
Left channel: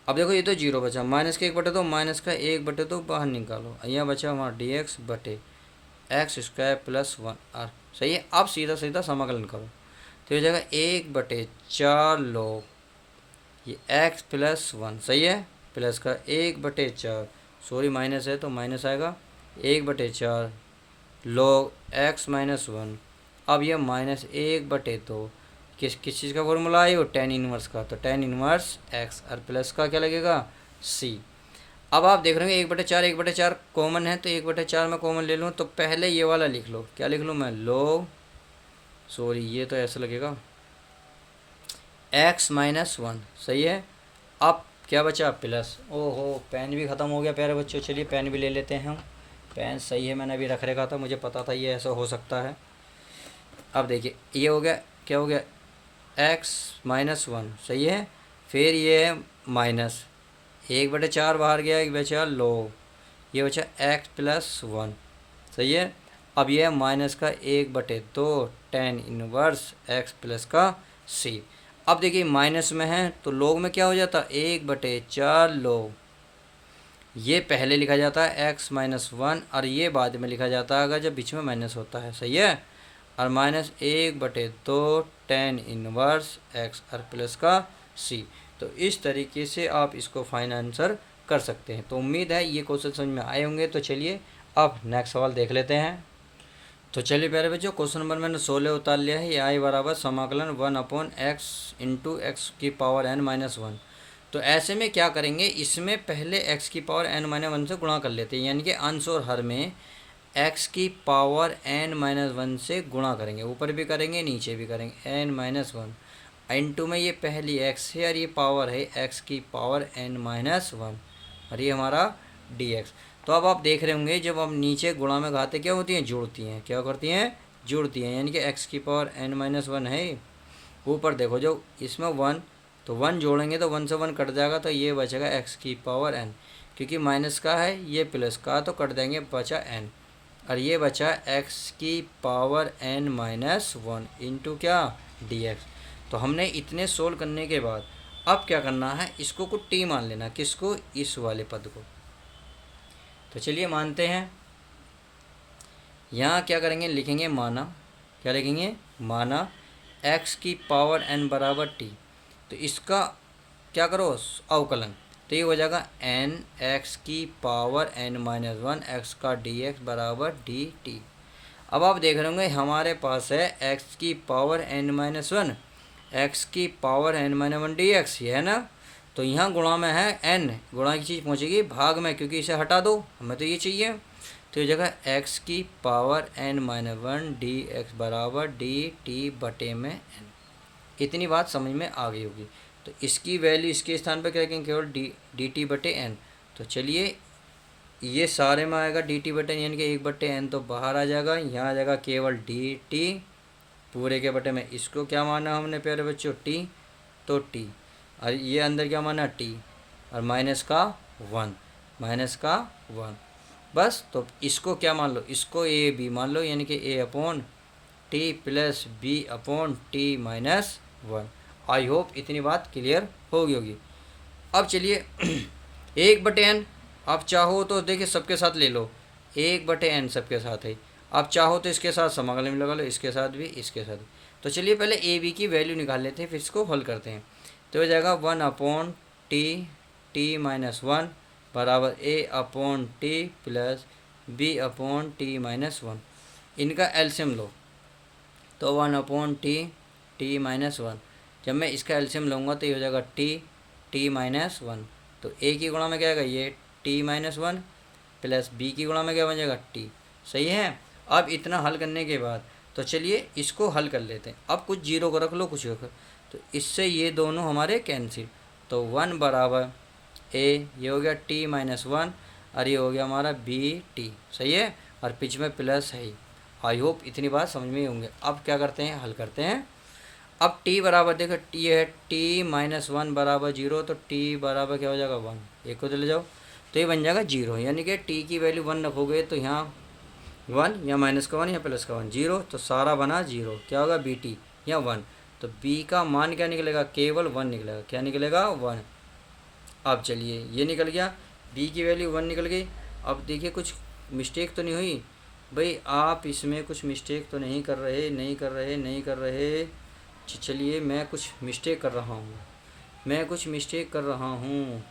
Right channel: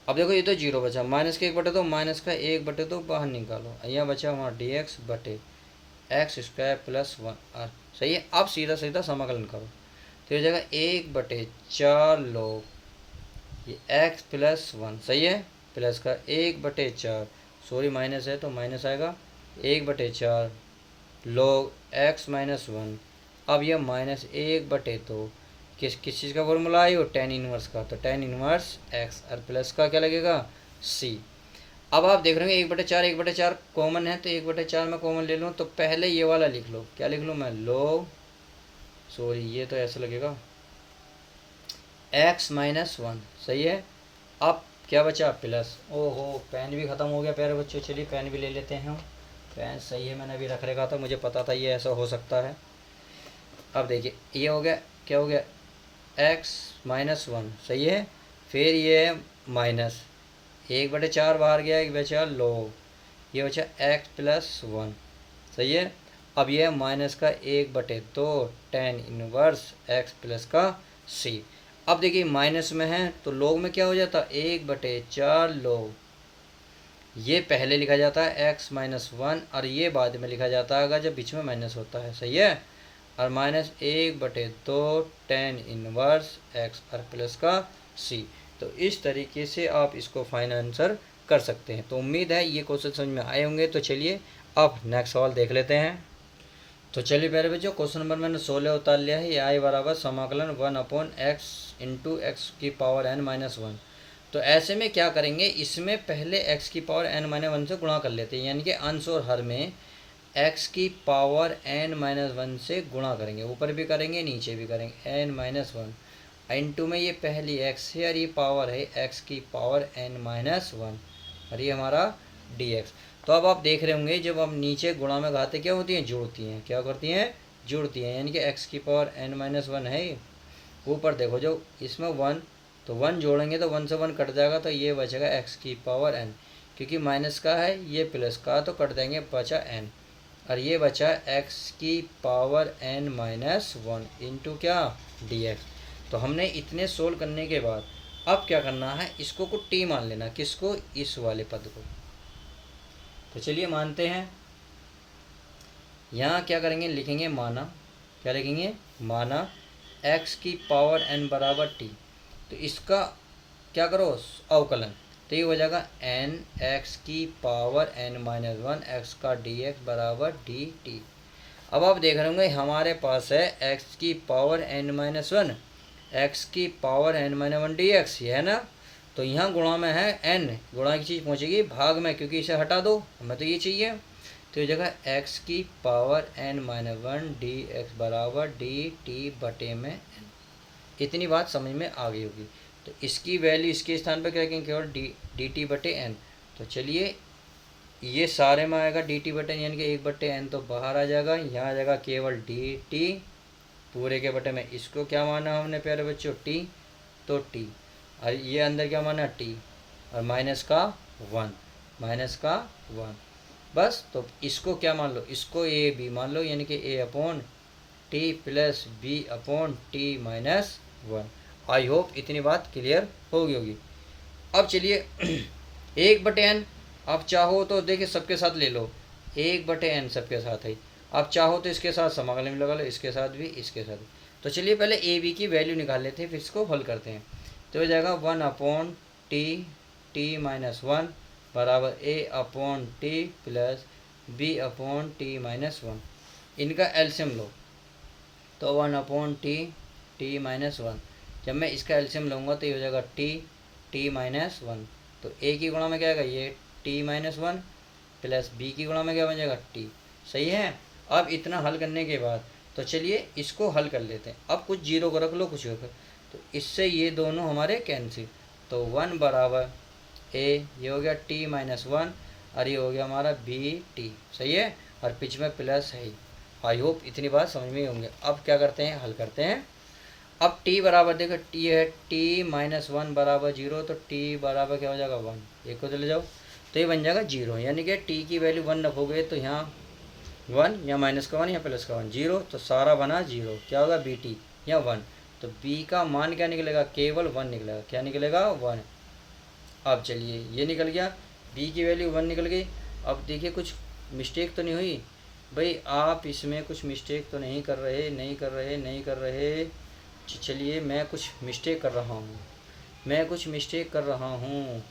अब देखो ये तो जीरो बचा, माइनस का 1/2, माइनस का 1/2 बाहर निकालो, यहाँ बचा हमारा डी एक्स बटे एक्स स्क्वायर प्लस 1 आर। सही है। अब सीधा सीधा समाकलन करो, तो ये जाएगा 1/4 लो ये एक्स प्लस 1। सही है। प्लस का 1/4, सॉरी माइनस है तो माइनस आएगा, 1/4 log x माइनस 1। अब यह -1/2 किस चीज़ का फॉर्मूला है? वो tan इनवर्स का, तो tan इनवर्स x, और प्लस का क्या लगेगा? c। अब आप देख रहे हैं 1/4 कॉमन है, तो 1/4 में कॉमन ले लूँ, तो पहले ये वाला लिख लो। क्या लिख लूँ मैं? log, सॉरी ये तो ऐसा लगेगा, x माइनस 1। सही है। अब क्या बचा? प्लस। ओहो पेन भी ख़त्म हो गया प्यारे बच्चों, चलिए पेन भी ले लेते हैं। पेन सही है, मैंने अभी रख रखा था, मुझे पता था ये ऐसा हो सकता है। अब देखिए ये हो गया, क्या हो गया? x minus 1। सही है। फिर ये माइनस 1/4 बाहर गया, एक बचा लो, ये बचा x प्लस 1। सही है। अब ये माइनस का 1/2 tan इनवर्स x प्लस का c। अब देखिए माइनस में है तो लोग में क्या हो जाता? 1/4 लोग, ये पहले लिखा जाता है x माइनस 1, और ये बाद में लिखा जाता है अगर जब बीच में माइनस होता है। सही है। और -1/2 tan इनवर्स x और प्लस का c। तो इस तरीके से आप इसको फाइनल आंसर कर सकते हैं। तो उम्मीद है ये क्वेश्चन समझ में आए होंगे। तो चलिए अब नेक्स्ट सवाल देख लेते हैं। तो चलिए प्यारे बच्चों, क्वेश्चन नंबर मैंने 16 उतार लिया है। ये आई बराबर समाकलन 1/x इंटू एक्स की पावर n माइनस 1। तो ऐसे में क्या करेंगे, इसमें पहले x की पावर n माइनस 1 से गुणा कर लेते हैं, यानी कि अंश और हर में x की पावर n माइनस 1 से गुणा करेंगे, ऊपर भी करेंगे नीचे भी करेंगे n माइनस 1। n2 में ये पहली x है और ये पावर है x की पावर n-1 और ये हमारा dx। तो अब आप देख रहे होंगे जब हम नीचे गुणा में घाते क्या होती हैं, जुड़ती हैं। क्या करती हैं, जुड़ती हैं, यानी कि x की पावर n-1 है। ऊपर देखो जो इसमें 1, तो 1 जोड़ेंगे तो 1 से 1 कट जाएगा, तो ये बचेगा x की पावर n, क्योंकि माइनस का है ये प्लस का, तो कट देंगे, बचा n, और ये बचा x की पावर n-1 इंटू क्या, dx। तो हमने इतने सोल्व करने के बाद अब क्या करना है, इसको कुछ t मान लेना। किसको, इस वाले पद को। तो चलिए मानते हैं। यहाँ क्या करेंगे, लिखेंगे माना, क्या लिखेंगे, माना x की पावर n बराबर t। तो इसका क्या करो, अवकलन, तो ये हो जाएगा n x की पावर n-1 x का dx बराबर dt। अब आप देख रहे होंगे हमारे पास है x की पावर n-1 x की पावर n-1 dx, ये है ना। तो यहाँ गुणा में है n, गुणा की चीज़ पहुँचेगी भाग में, क्योंकि इसे हटा दो, हमें तो ये चाहिए। तो ये जगह x की पावर n-1 dx बराबर dt बटे में n। इतनी बात समझ में आ गई होगी। तो इसकी वैल्यू इसके स्थान पर क्या रखेंगे, केवल डी टी बटे एन। तो चलिए ये सारे में आएगा डी टी बटे, यानी कि 1/n तो बाहर आ जाएगा, यहाँ आ जाएगा केवल डी टी पूरे के बटे में। इसको क्या माना हमने प्यारे बच्चों, टी, तो टी, और ये अंदर क्या माना, टी, और माइनस का 1, माइनस का 1, बस। तो इसको क्या मान लो, इसको ए बी मान लो, यानी कि a upon T plus B upon T minus 1। I hope इतनी बात क्लियर हो गई होगी। अब चलिए 1/n, आप चाहो तो देखिए सबके साथ ले लो, 1/n सबके साथ है। आप चाहो तो इसके साथ समाकलन लगा लो, इसके साथ भी, इसके साथ भी। तो चलिए पहले ए बी की वैल्यू निकाल लेते हैं, फिर इसको हल करते हैं। तो हो जाएगा 1 अपॉन टी टी माइनस 1 बराबर a upon T plus B upon T minus 1। इनका एलसीएम लो, तो 1 अपॉन टी माइनस 1। जब मैं इसका एलसीएम लूँगा तो ये हो जाएगा टी माइनस 1। तो ए की गुणा में क्या आएगा, ये टी माइनस 1 प्लस बी की गुणा में क्या बन जाएगा, टी। सही है। अब इतना हल करने के बाद तो चलिए इसको हल कर लेते हैं। अब कुछ जीरो को रख लो, कुछ रखो, तो इससे ये दोनों हमारे कैंसिल। तो 1 बराबर ए, ये हो गया टी माइनस 1, और ये हो गया हमारा बी टी। सही है, और बीच में प्लस है ही। आई होप इतनी बात समझ में ही होंगे। अब क्या करते हैं, हल करते हैं। अब t बराबर देखो, t है t-1 बराबर 0, तो t बराबर क्या हो जाएगा 1, एक को चले जाओ, तो ये बन जाएगा 0, यानी कि t की वैल्यू 1 रखोगे तो यहाँ 1 या माइनस का 1 या प्लस का 1, 0, तो सारा बना 0। क्या होगा, बी टी या 1। तो b का मान क्या निकलेगा, केवल 1 निकलेगा। क्या निकलेगा, 1। अब चलिए ये निकल गया, b की वैल्यू 1 निकल गई। अब देखिए कुछ मिस्टेक तो नहीं हुई भाई, आप इसमें कुछ मिस्टेक तो नहीं कर रहे, नहीं कर रहे, नहीं कर रहे। चलिए मैं कुछ मिस्टेक कर रहा हूँ, मैं कुछ मिस्टेक कर रहा हूँ।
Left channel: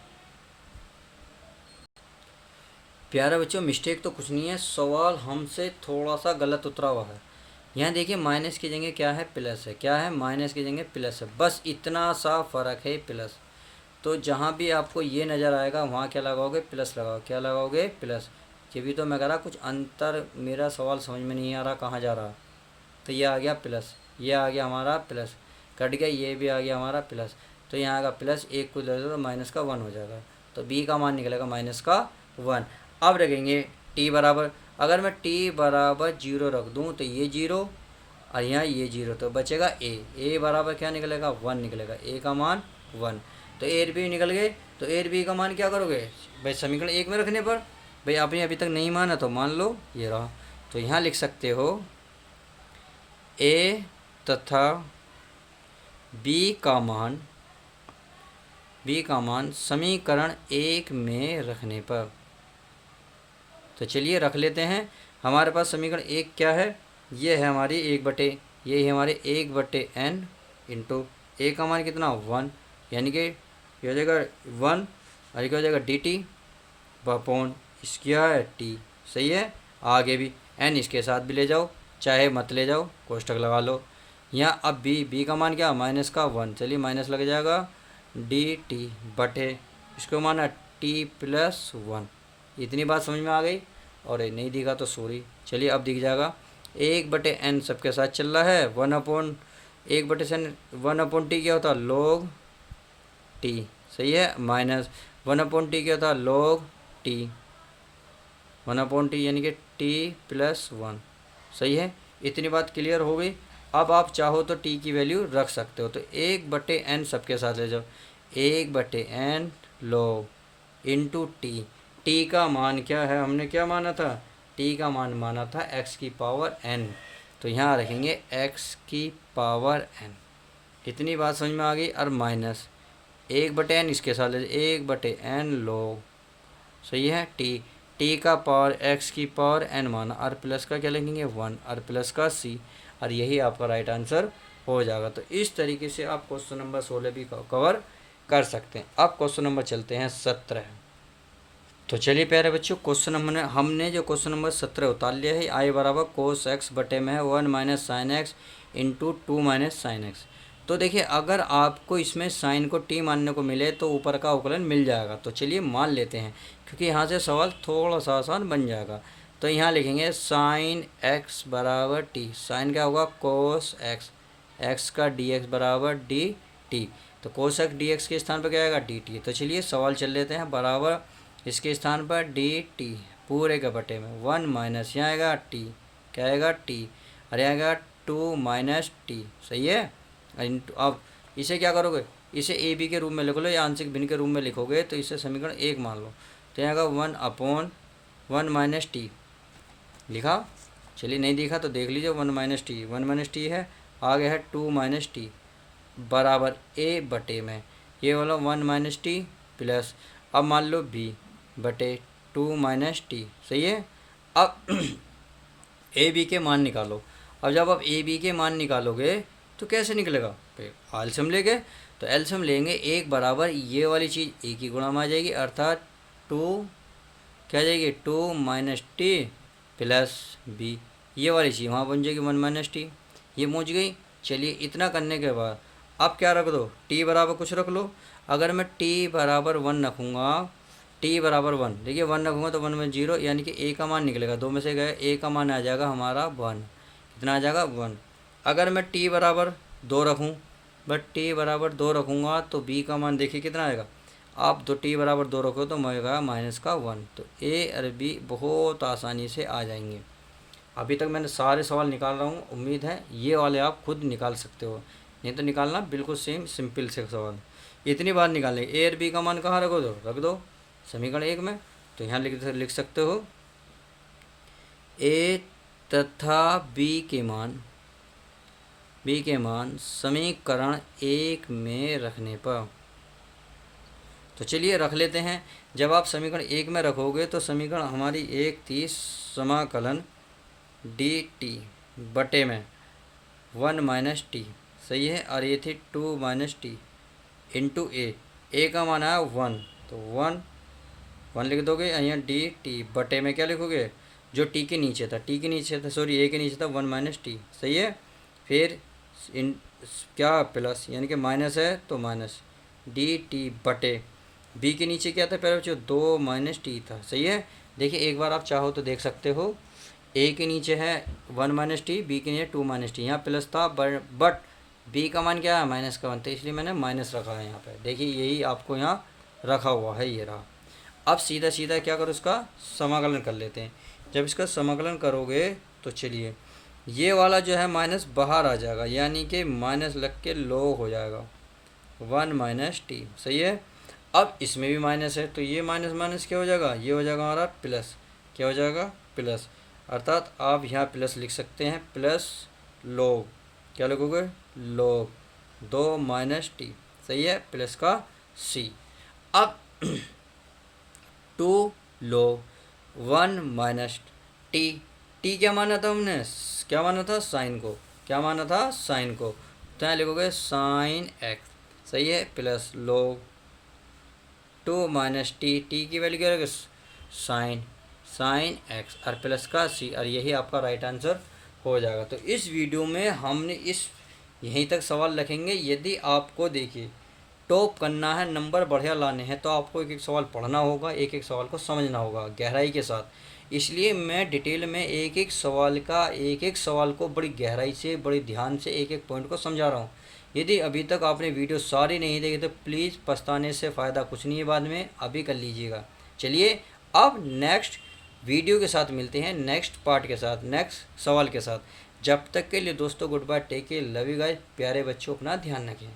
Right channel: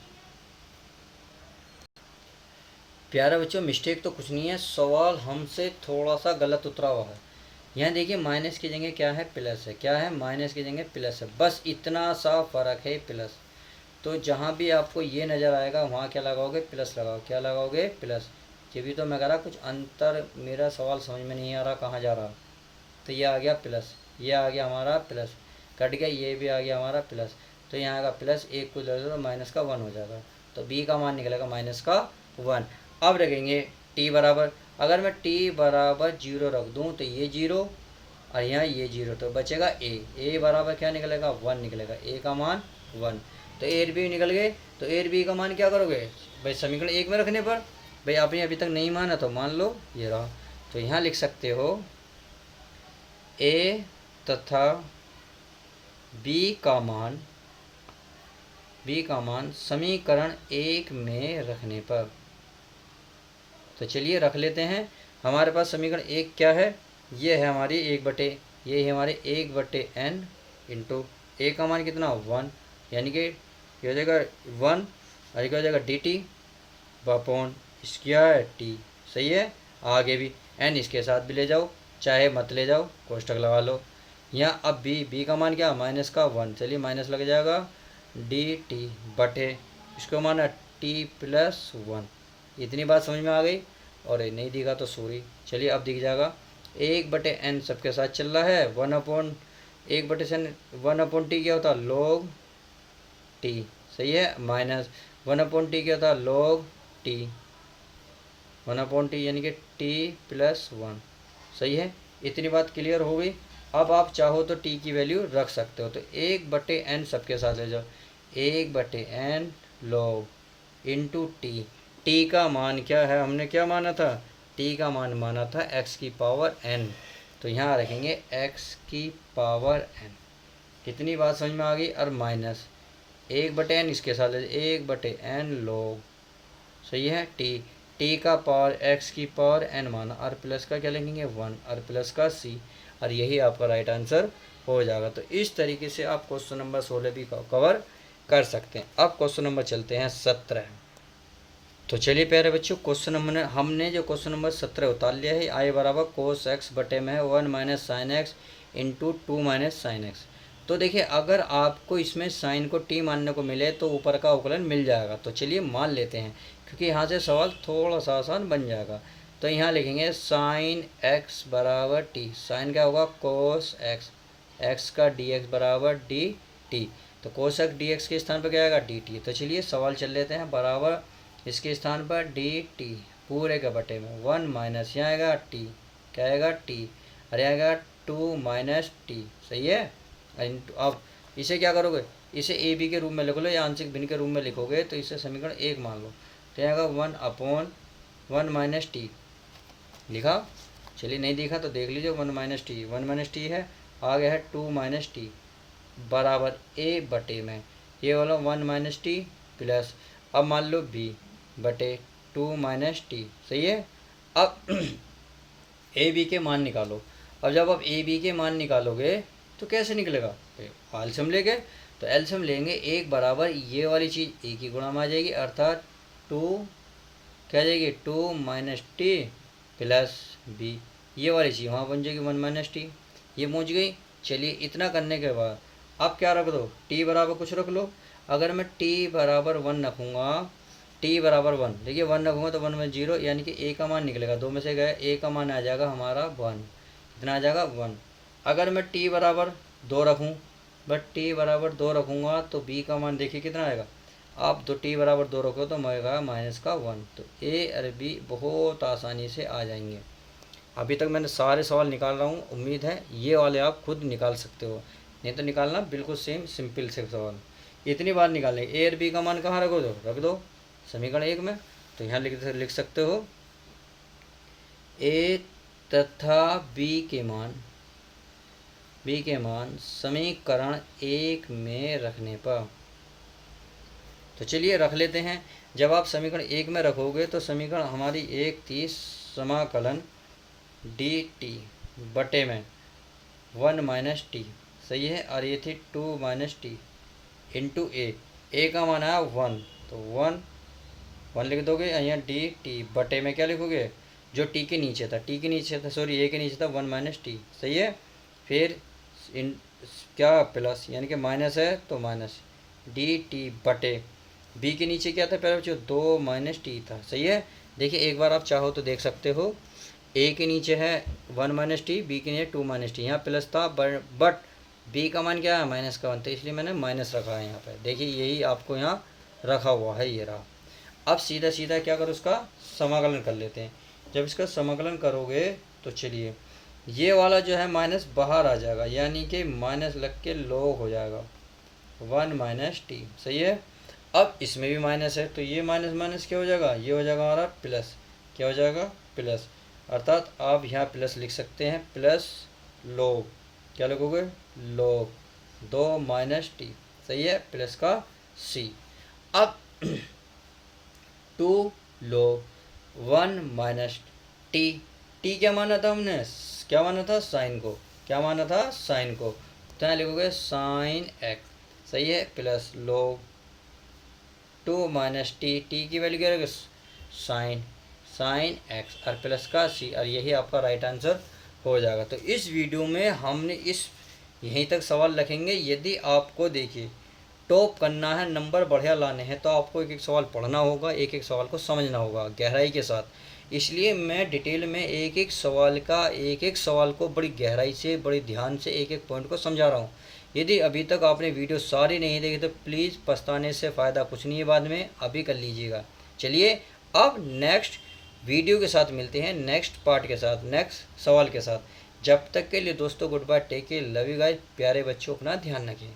प्यारे बच्चों, मिस्टेक तो कुछ नहीं है, सवाल हमसे थोड़ा सा गलत उतरा हुआ है। यहाँ देखिए माइनस की जगह क्या है, प्लस है। क्या है, माइनस की जगह प्लस है, बस इतना सा फ़र्क है, प्लस। तो जहाँ भी आपको ये नज़र आएगा वहाँ क्या लगाओगे, प्लस लगाओ। क्या लगाओगे, प्लस। ये भी तो मैं कह रहा कुछ अंतर, मेरा सवाल समझ में नहीं आ रहा कहाँ जा रहा। तो ये आ गया प्लस, ये आ गया हमारा प्लस, कट गया, ये भी आ गया हमारा प्लस। तो यहाँ का प्लस एक को ले लो तो माइनस का 1 हो जाएगा। तो बी का मान निकलेगा माइनस का 1। अब रखेंगे टी बराबर, अगर मैं टी बराबर 0 रख दूँ तो ये 0 और यहाँ ये 0, तो बचेगा ए बराबर क्या निकलेगा, 1 निकलेगा। ए का मान 1। तो ए बी निकल गए। तो ए बी का मान क्या करोगे भाई, समीकरण 1 में रखने पर। भाई आपने अभी तक नहीं माना तो मान लो, ये रहा। तो यहाँ लिख सकते हो ए तथा बी का मान समीकरण 1 में रखने पर। तो चलिए रख लेते हैं। हमारे पास समीकरण 1 क्या है, ये है हमारी 1/, ये है हमारे 1/n इंटू ए का मान कितना, 1, यानी कि ये हो जाएगा 1, और क्या हो जाएगा डी टी अपॉन क्या है, टी। सही है। आगे भी n इसके साथ भी ले जाओ, चाहे मत ले जाओ, कोष्टक लगा लो। यहाँ अब बी का मान क्या, माइनस का 1, चलिए माइनस लग जाएगा, डी टी बटे इसको माना टी प्लस 1। इतनी बात समझ में आ गई, और नहीं दिखा तो सॉरी। चलिए अब दिख जाएगा, 1/n सबके साथ चल रहा है, 1 अपॉन 1/sin 1/t क्या होता है log t, सही है, माइनस 1/t क्या होता है log t, 1/t यानी कि t+1, सही है। इतनी बात क्लियर हो गई। अब आप चाहो तो t की वैल्यू रख सकते हो, तो 1/n सबके साथ ले जाओ, 1/n log into T. T का मान क्या है, हमने क्या माना था, टी का मान माना था x⁴n, तो यहाँ रखेंगे x⁴n। इतनी बात समझ में आ गई। और माइनस 1/n इसके साथ ले, 1/n log, सही है, टी का पावर x⁴n माना, और प्लस का क्या लिखेंगे 1, और प्लस का c, और यही आपका राइट आंसर हो जाएगा। तो इस तरीके से आप क्वेश्चन नंबर 16 भी कवर कर सकते हैं। अब क्वेश्चन नंबर चलते हैं 17। तो चलिए प्यारे बच्चों, क्वेश्चन हमने जो क्वेश्चन नंबर 17 उतार लिया है, आई बराबर कोस एक्स बटे में है 1 - sin x into 2 - sin x। तो देखिए अगर आपको इसमें साइन को टी मानने को मिले तो ऊपर का अवकलन मिल जाएगा, तो चलिए मान लेते हैं, क्योंकि यहाँ से सवाल थोड़ा सा आसान बन जाएगा। तो यहाँ लिखेंगे साइन एक्स बराबर टी, साइन क्या होगा कोस एक्स, एक्स का डी एक्स बराबर डी टी, तो कोस एक्स डी एक्स के स्थान पर क्या आएगा डी टी। तो चलिए सवाल चल लेते हैं, बराबर इसके स्थान पर डी टी पूरे के बटे में 1 माइनस यहाँ आएगा टी, क्या आएगा टी, और यहाँ आएगा 2 - टी, सही है। अब इसे क्या करोगे, इसे ए बी के रूप में लिख लो या आंशिक भिन्न के रूप में लिखोगे तो इसे समीकरण 1 मान लो, तो यहाँ आएगा 1/1 - टी लिखा। चलिए नहीं दिखा तो देख लीजिए, 1 - टी है, आगे है 2 - टी बराबर ए बटे में ये वाला 1 - टी प्लस, अब मान लो बी बटे 2 - टी, सही है। अब ए बी के मान निकालो। अब जब आप ए बी के मान निकालोगे तो कैसे निकलेगा, एलसीएम लेंगे, तो एलसीएम लेंगे 1 बराबर ये वाली चीज़ ए की गुणा में आ जाएगी, अर्थात 2 क्या आ जाएगी 2 - टी प्लस बी, ये वाली चीज़ वहाँ बन जाएगी 1 - टी, ये पहुँच गई। चलिए इतना करने के बाद अब क्या रख दो, टी बराबर कुछ रख लो। अगर मैं टी बराबर 1 रखूँगा, टी बराबर 1, देखिए 1 रखूँगा तो 1 में 0, यानी कि ए का मान निकलेगा, 2 में से गए ए का मान आ जाएगा हमारा 1, कितना आ जाएगा 1। अगर मैं टी बराबर 2 रखूँ, बट टी बराबर 2 रखूँगा तो बी का मान देखिए कितना आएगा, आप दो टी बराबर 2 रखो तो आएगा -1, तो ए और बी बहुत आसानी से आ जाएंगे। अभी तक मैंने सारे सवाल निकाल रहा हूँ, उम्मीद है ये वाले आप खुद निकाल सकते हो, नहीं तो निकालना बिल्कुल सेम सिंपल से सवाल। इतनी बार निकालें, ए और बी का मान कहाँ रखो, दो रख दो समीकरण 1 में, तो यहाँ लिख सकते हो ए तथा बी के मान समीकरण 1 में रखने पर, तो चलिए रख लेते हैं। जब आप समीकरण 1 में रखोगे तो समीकरण हमारी 1 थी समाकलन डी टी बटे में 1 - टी, सही है, और ये थी 2 - टी इंटू ए का मान आया 1, तो 1 लिख दोगे, यहाँ डी टी बटे में क्या लिखोगे, जो टी के नीचे था, ए के नीचे था 1 - टी, सही है। फिर इन क्या प्लस, यानी कि माइनस है तो माइनस डी टी बटे बी के नीचे क्या था पहले जो 2 - टी था, सही है। देखिए एक बार आप चाहो तो देख सकते हो, ए के नीचे है 1 - टी, बी के नीचे 2 - टी, यहाँ प्लस था बट बी का मान क्या है माइनस का वन, तो इसलिए मैंने माइनस रखा है यहाँ पे, देखिए यही आपको यहाँ रखा हुआ है, ये रहा। अब सीधा सीधा क्या करो, उसका समाकलन कर लेते हैं। जब इसका समाकलन करोगे तो चलिए ये वाला जो है माइनस बाहर आ जाएगा, यानी कि माइनस लग के log हो जाएगा 1 - टी, सही है। अब इसमें भी माइनस है तो ये माइनस माइनस क्या हो जाएगा, ये हो जाएगा हमारा प्लस, क्या हो जाएगा प्लस, अर्थात आप यहाँ प्लस लिख सकते हैं, प्लस log, क्या लिखोगे log 2 - टी, सही है, प्लस का सी। अब 2 log 1 - टी क्या माना था हमने, क्या माना था साइन को, क्या माना था साइन को, तो यहाँ लिखोगे साइन एक्स, सही है, प्लस log 2 - टी की वैल्यू क्या रहेगी साइन एक्स, और प्लस का सी, और यही आपका राइट आंसर हो जाएगा। तो इस वीडियो में हमने यहीं तक सवाल रखेंगे। यदि आपको देखिए टॉप करना है, नंबर बढ़िया लाने हैं, तो आपको एक एक सवाल पढ़ना होगा, एक एक सवाल को समझना होगा गहराई के साथ। इसलिए मैं डिटेल में एक एक सवाल को बड़ी गहराई से, बड़ी ध्यान से एक एक पॉइंट को समझा रहा हूँ। यदि अभी तक आपने वीडियो सारी नहीं देखी तो प्लीज़ पछताने से फ़ायदा कुछ नहीं है, बाद में अभी कर लीजिएगा। चलिए अब नेक्स्ट वीडियो के साथ मिलते हैं, नेक्स्ट पार्ट के साथ, नेक्स्ट सवाल के साथ। जब तक के लिए दोस्तों good bye, take care, love you guys. प्यारे बच्चों अपना ध्यान रखें।